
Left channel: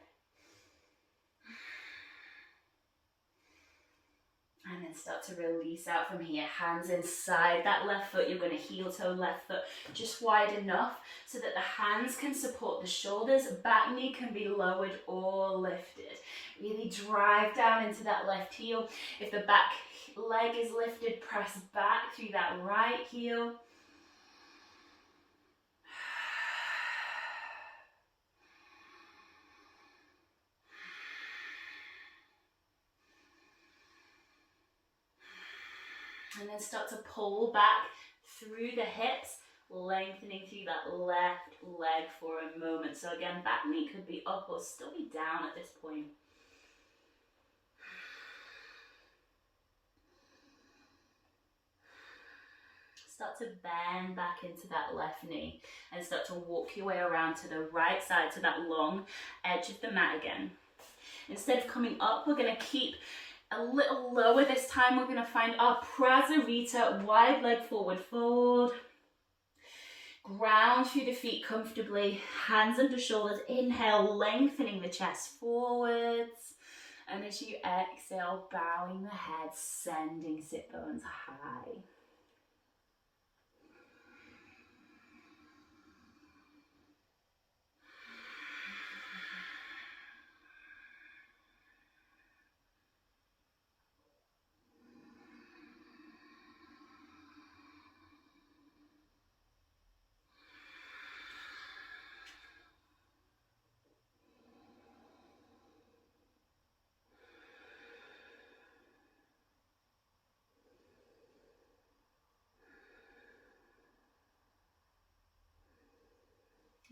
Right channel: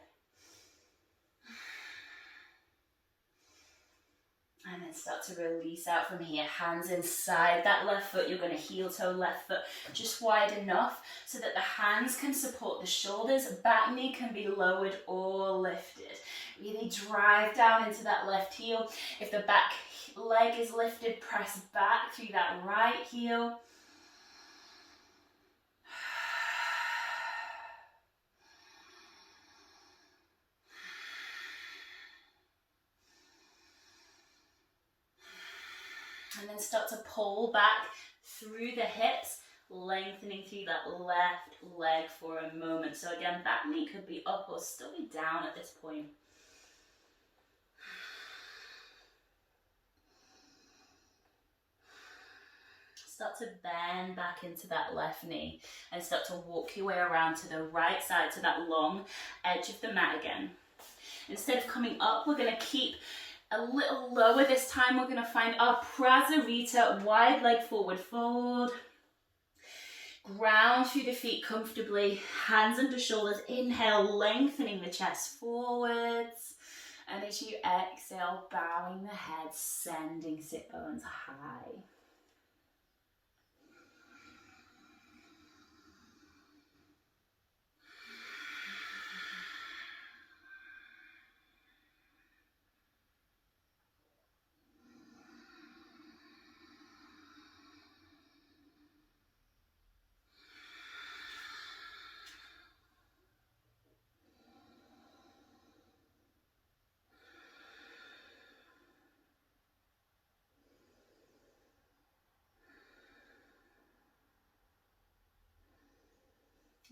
And then start to release out from here. Hands inside that left foot. You're going to heel toe left foot just wide enough so that the hands can support the shoulders. Back knee can be lowered or lifted. Really drive down into that left heel. If the back leg is lifted, press back through that right heel. And then start to pull back through the hips, lengthening through that left leg for a moment. So again, back knee could be up or still be down at this point. Start to bend back into that left knee and start to walk your way around to the right side, to that long edge of the mat again. Instead of coming up, we're going to keep a little lower this time. We're going to find our Prasarita, wide leg forward fold. Ground through the feet comfortably, hands under shoulders. Inhale, lengthening the chest forwards. And as you exhale, bowing the head, sending sit bones high.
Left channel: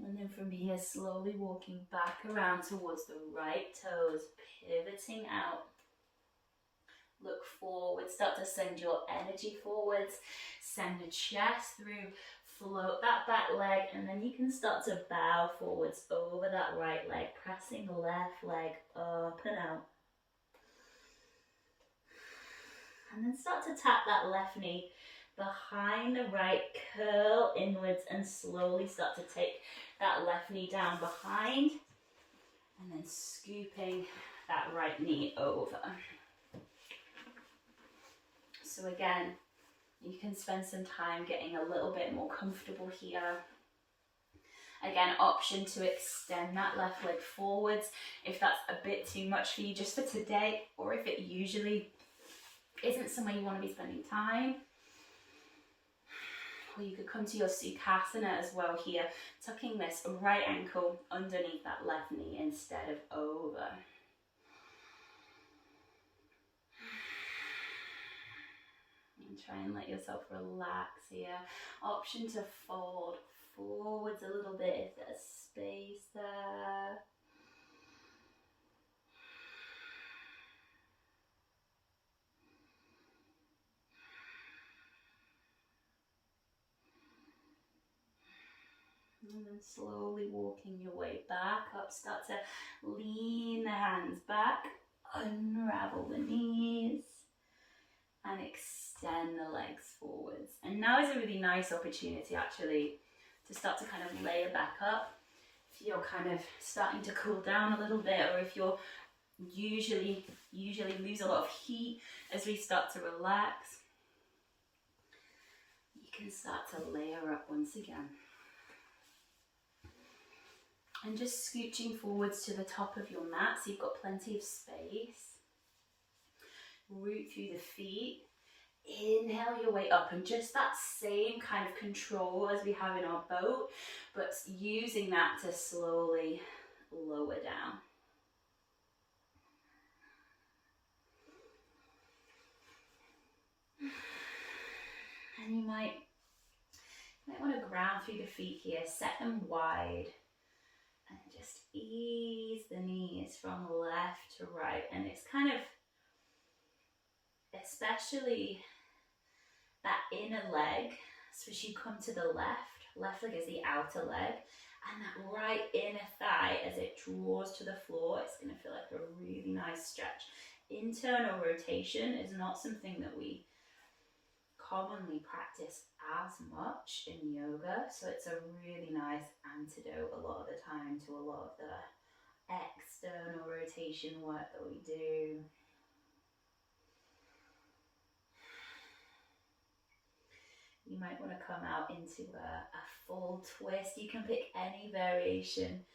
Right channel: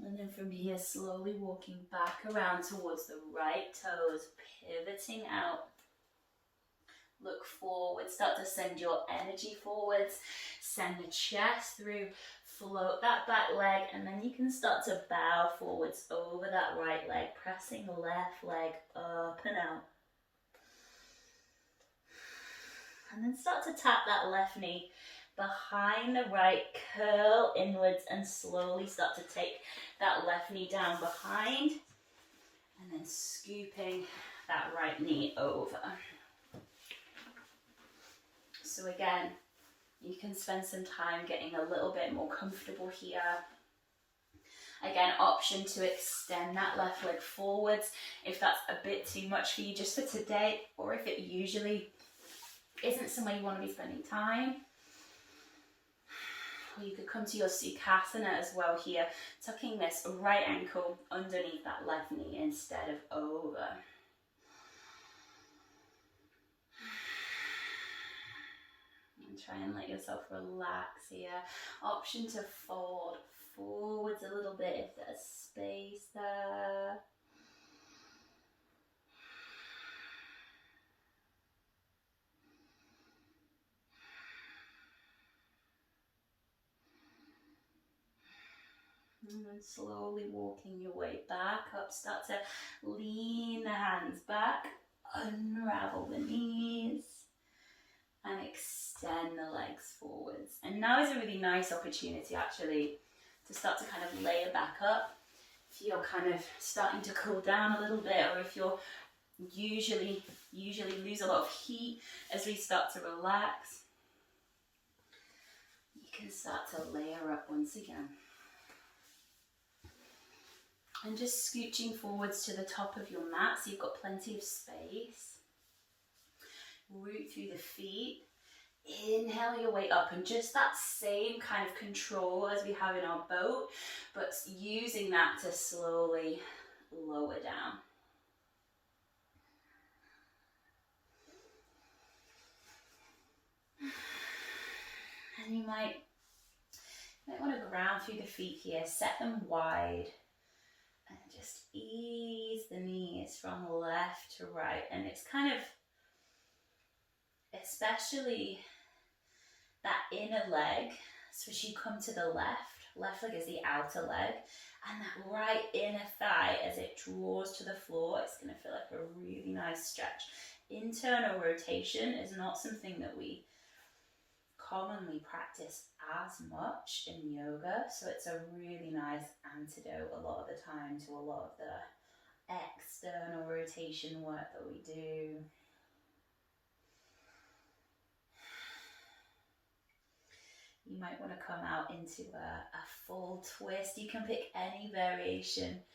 And then from here, slowly walking back around towards the right toes, pivoting out. Look forward, start to send your energy forwards, send the chest through, float that back leg, and then you can start to bow forwards over that right leg, pressing the left leg up and out. And then start to tap that left knee behind the right, curl inwards and slowly start to take that left knee down behind and then scooping that right knee over. So again, you can spend some time getting a little bit more comfortable here. Again, option to extend that left leg forwards if that's a bit too much for you just for today, or if it usually isn't somewhere you want to be spending time. Or you could come to your Sukhasana as well here, tucking this right ankle underneath that left knee instead of over. And try and let yourself relax here. Option to fold forwards a little bit if there's space there. And then slowly walking your way back up, start to lean the hands back, unravel the knees, and extend the legs forwards. And now is a really nice opportunity actually to start to kind of layer back up. If you're kind of starting to cool down a little bit, or if you're usually lose a lot of heat as we start to relax, you can start to layer up once again. And just scooching forwards to the top of your mat so you've got plenty of space. Root through the feet. Inhale your way up, and just that same kind of control as we have in our boat, but using that to slowly lower down. And you might want to ground through the feet here, set them wide, and just ease the knees from left to right. And it's kind of, especially that inner leg, so as you come to the left leg is the outer leg, and that right inner thigh as it draws to the floor, it's going to feel like a really nice stretch. Internal rotation is not something that we commonly practice as much in yoga, so it's a really nice antidote a lot of the time to a lot of the external rotation work that we do. You might want to come out into a full twist. You can pick any variation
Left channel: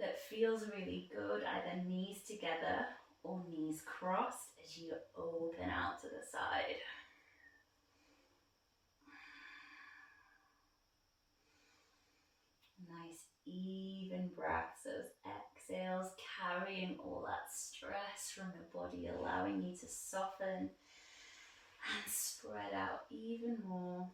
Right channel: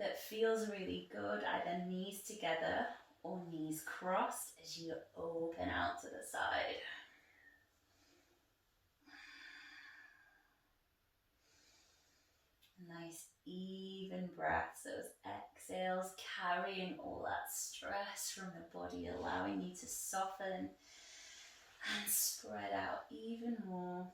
that feels really good, either knees together or knees crossed as you open out to the side. Nice even breaths, those exhales carrying all that stress from the body, allowing you to soften and spread out even more.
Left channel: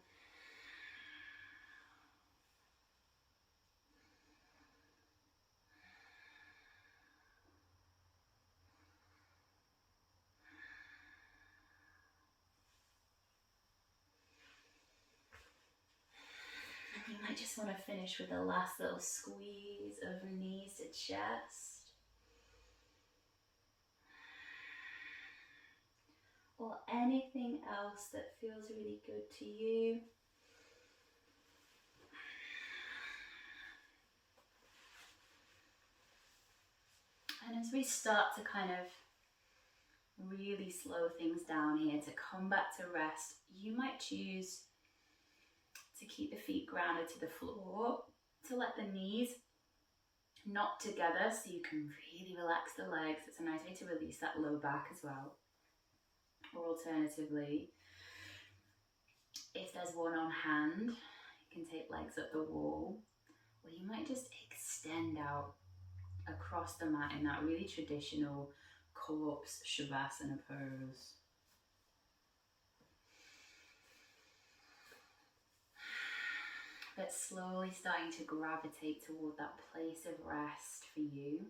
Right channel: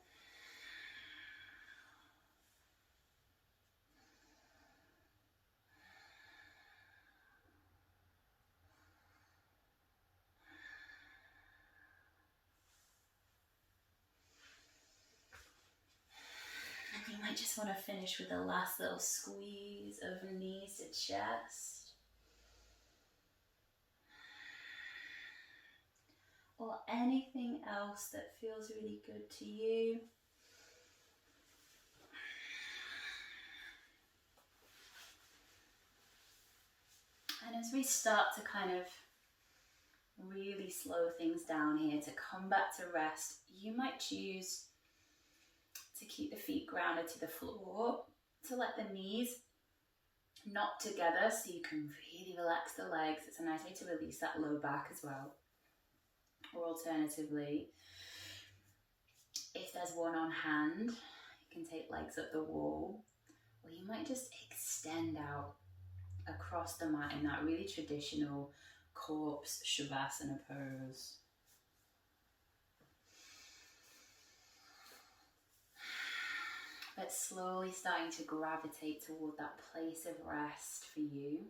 You might just want to finish with a last little squeeze of knees to chest. Or anything else that feels really good to you. And as we start to kind of really slow things down here to come back to rest, you might choose to keep the feet grounded to the floor, to let the knees knot together so you can really relax the legs. It's a nice way to release that low back as well. Or alternatively, if there's one on hand, you can take legs up the wall, or you might just extend out across the mat in that really traditional corpse shavasana pose. But slowly starting to gravitate toward that place of rest for you.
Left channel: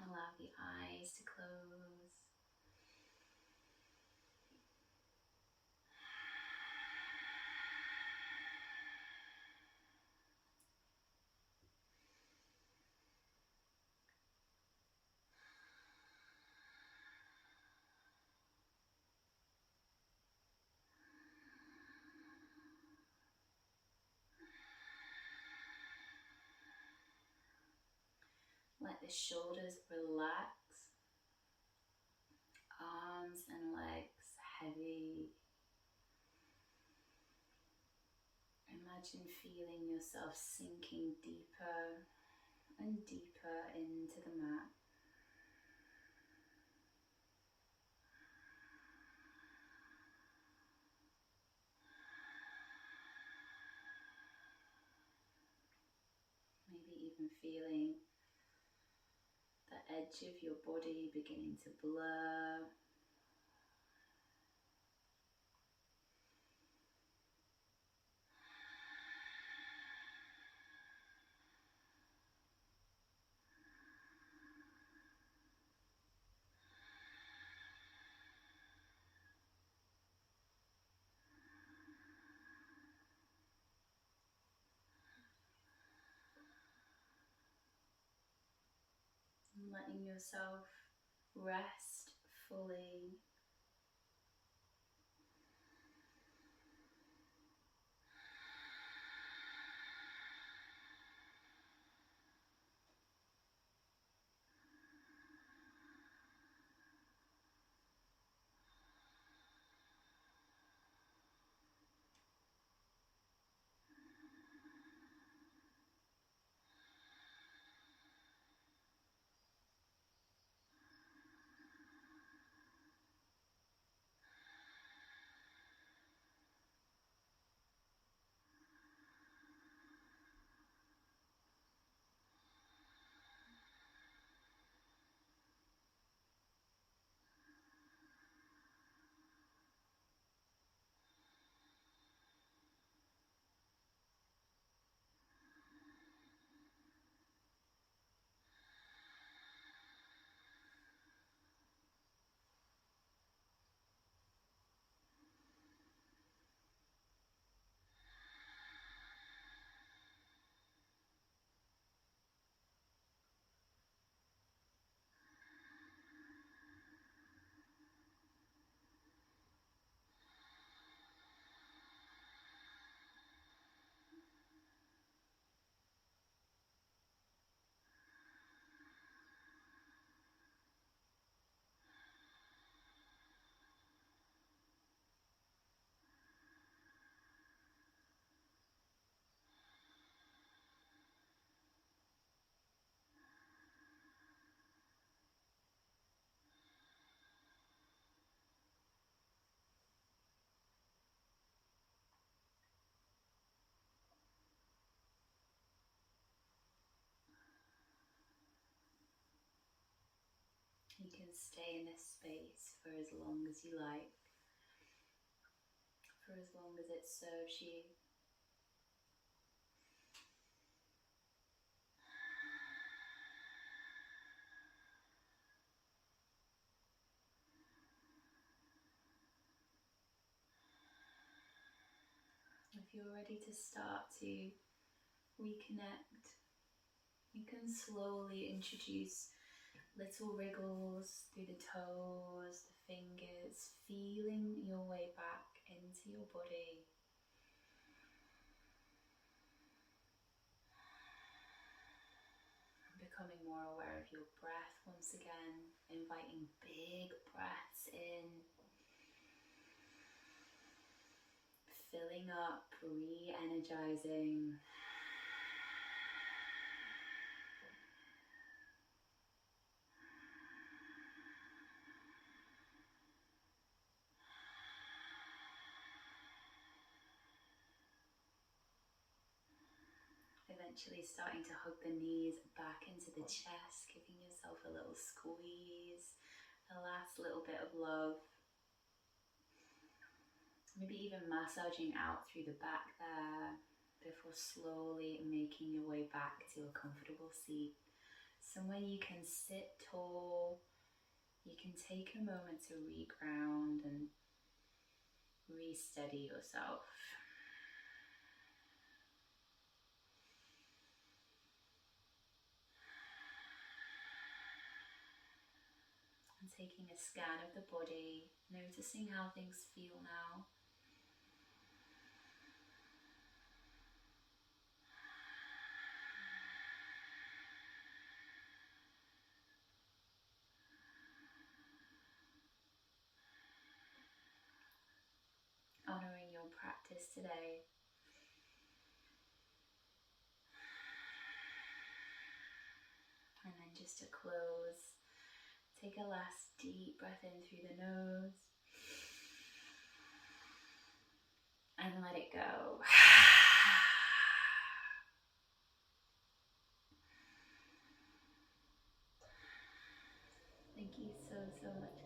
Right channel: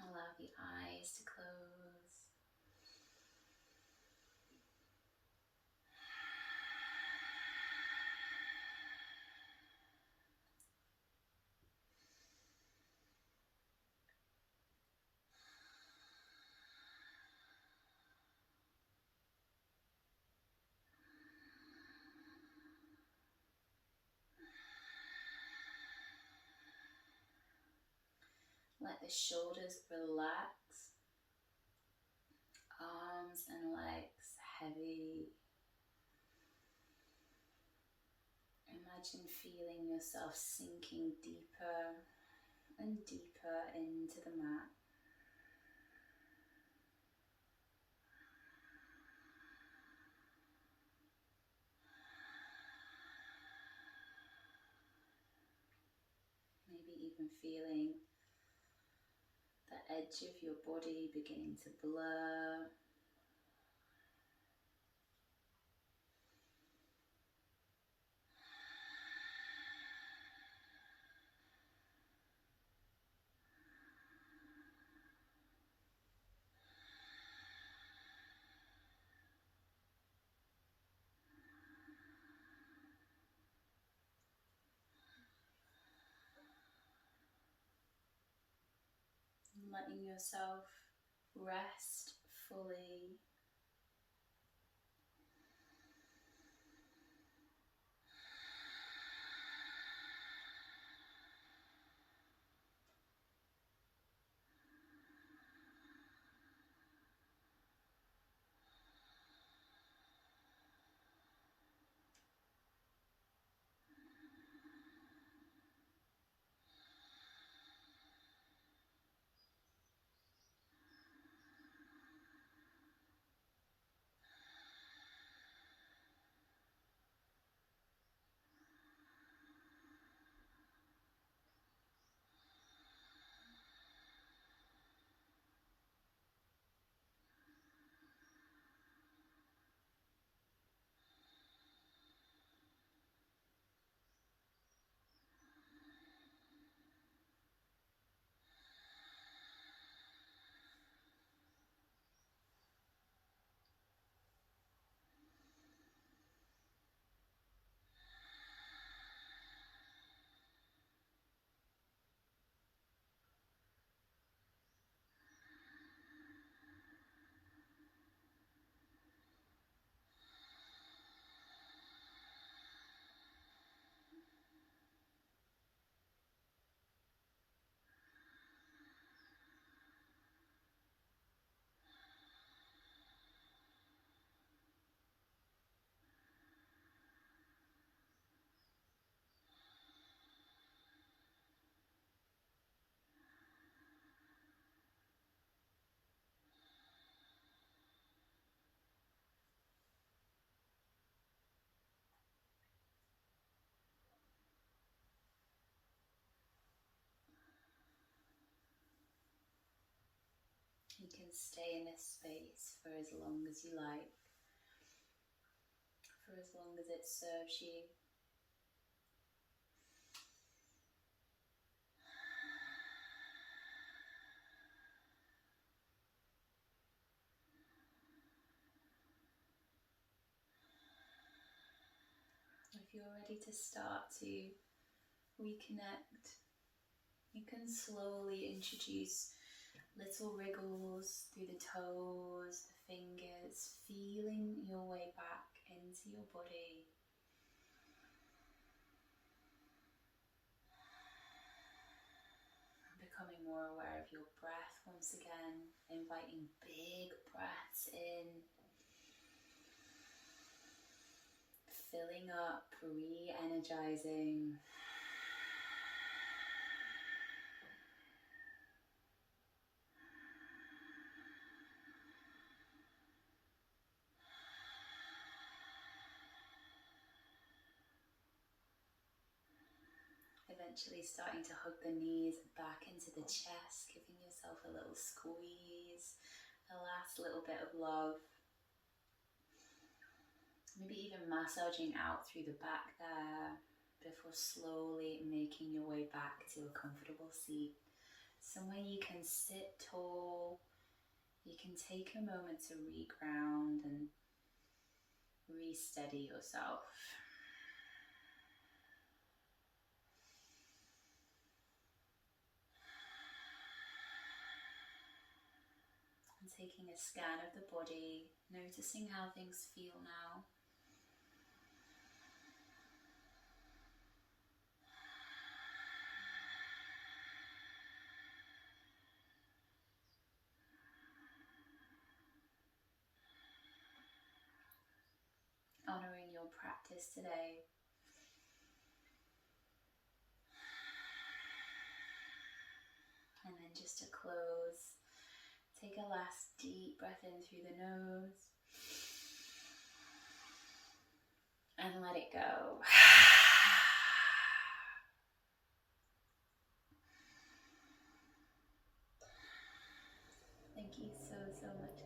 Allow the eyes to close. Let the shoulders relax, arms and legs heavy. Imagine feeling yourself sinking deeper and deeper into the mat. Maybe even feeling the edge of your body beginning to blur. Letting yourself rest fully. You can stay in this space for as long as you like, for as long as it serves you. If you're ready to start to reconnect, you can slowly introduce little wriggles through the toes, the fingers, feeling your way back into your body. And becoming more aware of your breath once again, inviting big breaths in, filling up, re-energizing. Eventually starting to hug the knees back into the chest, giving yourself a little squeeze, a last little bit of love. Maybe even massaging out through the back there before slowly making your way back to a comfortable seat. Somewhere you can sit tall, you can take a moment to re-ground and re-steady yourself. And taking a scan of the body, noticing how things feel now. honouring your practice today. And then just to close, take a last deep breath in through the nose and let it go. Thank you so much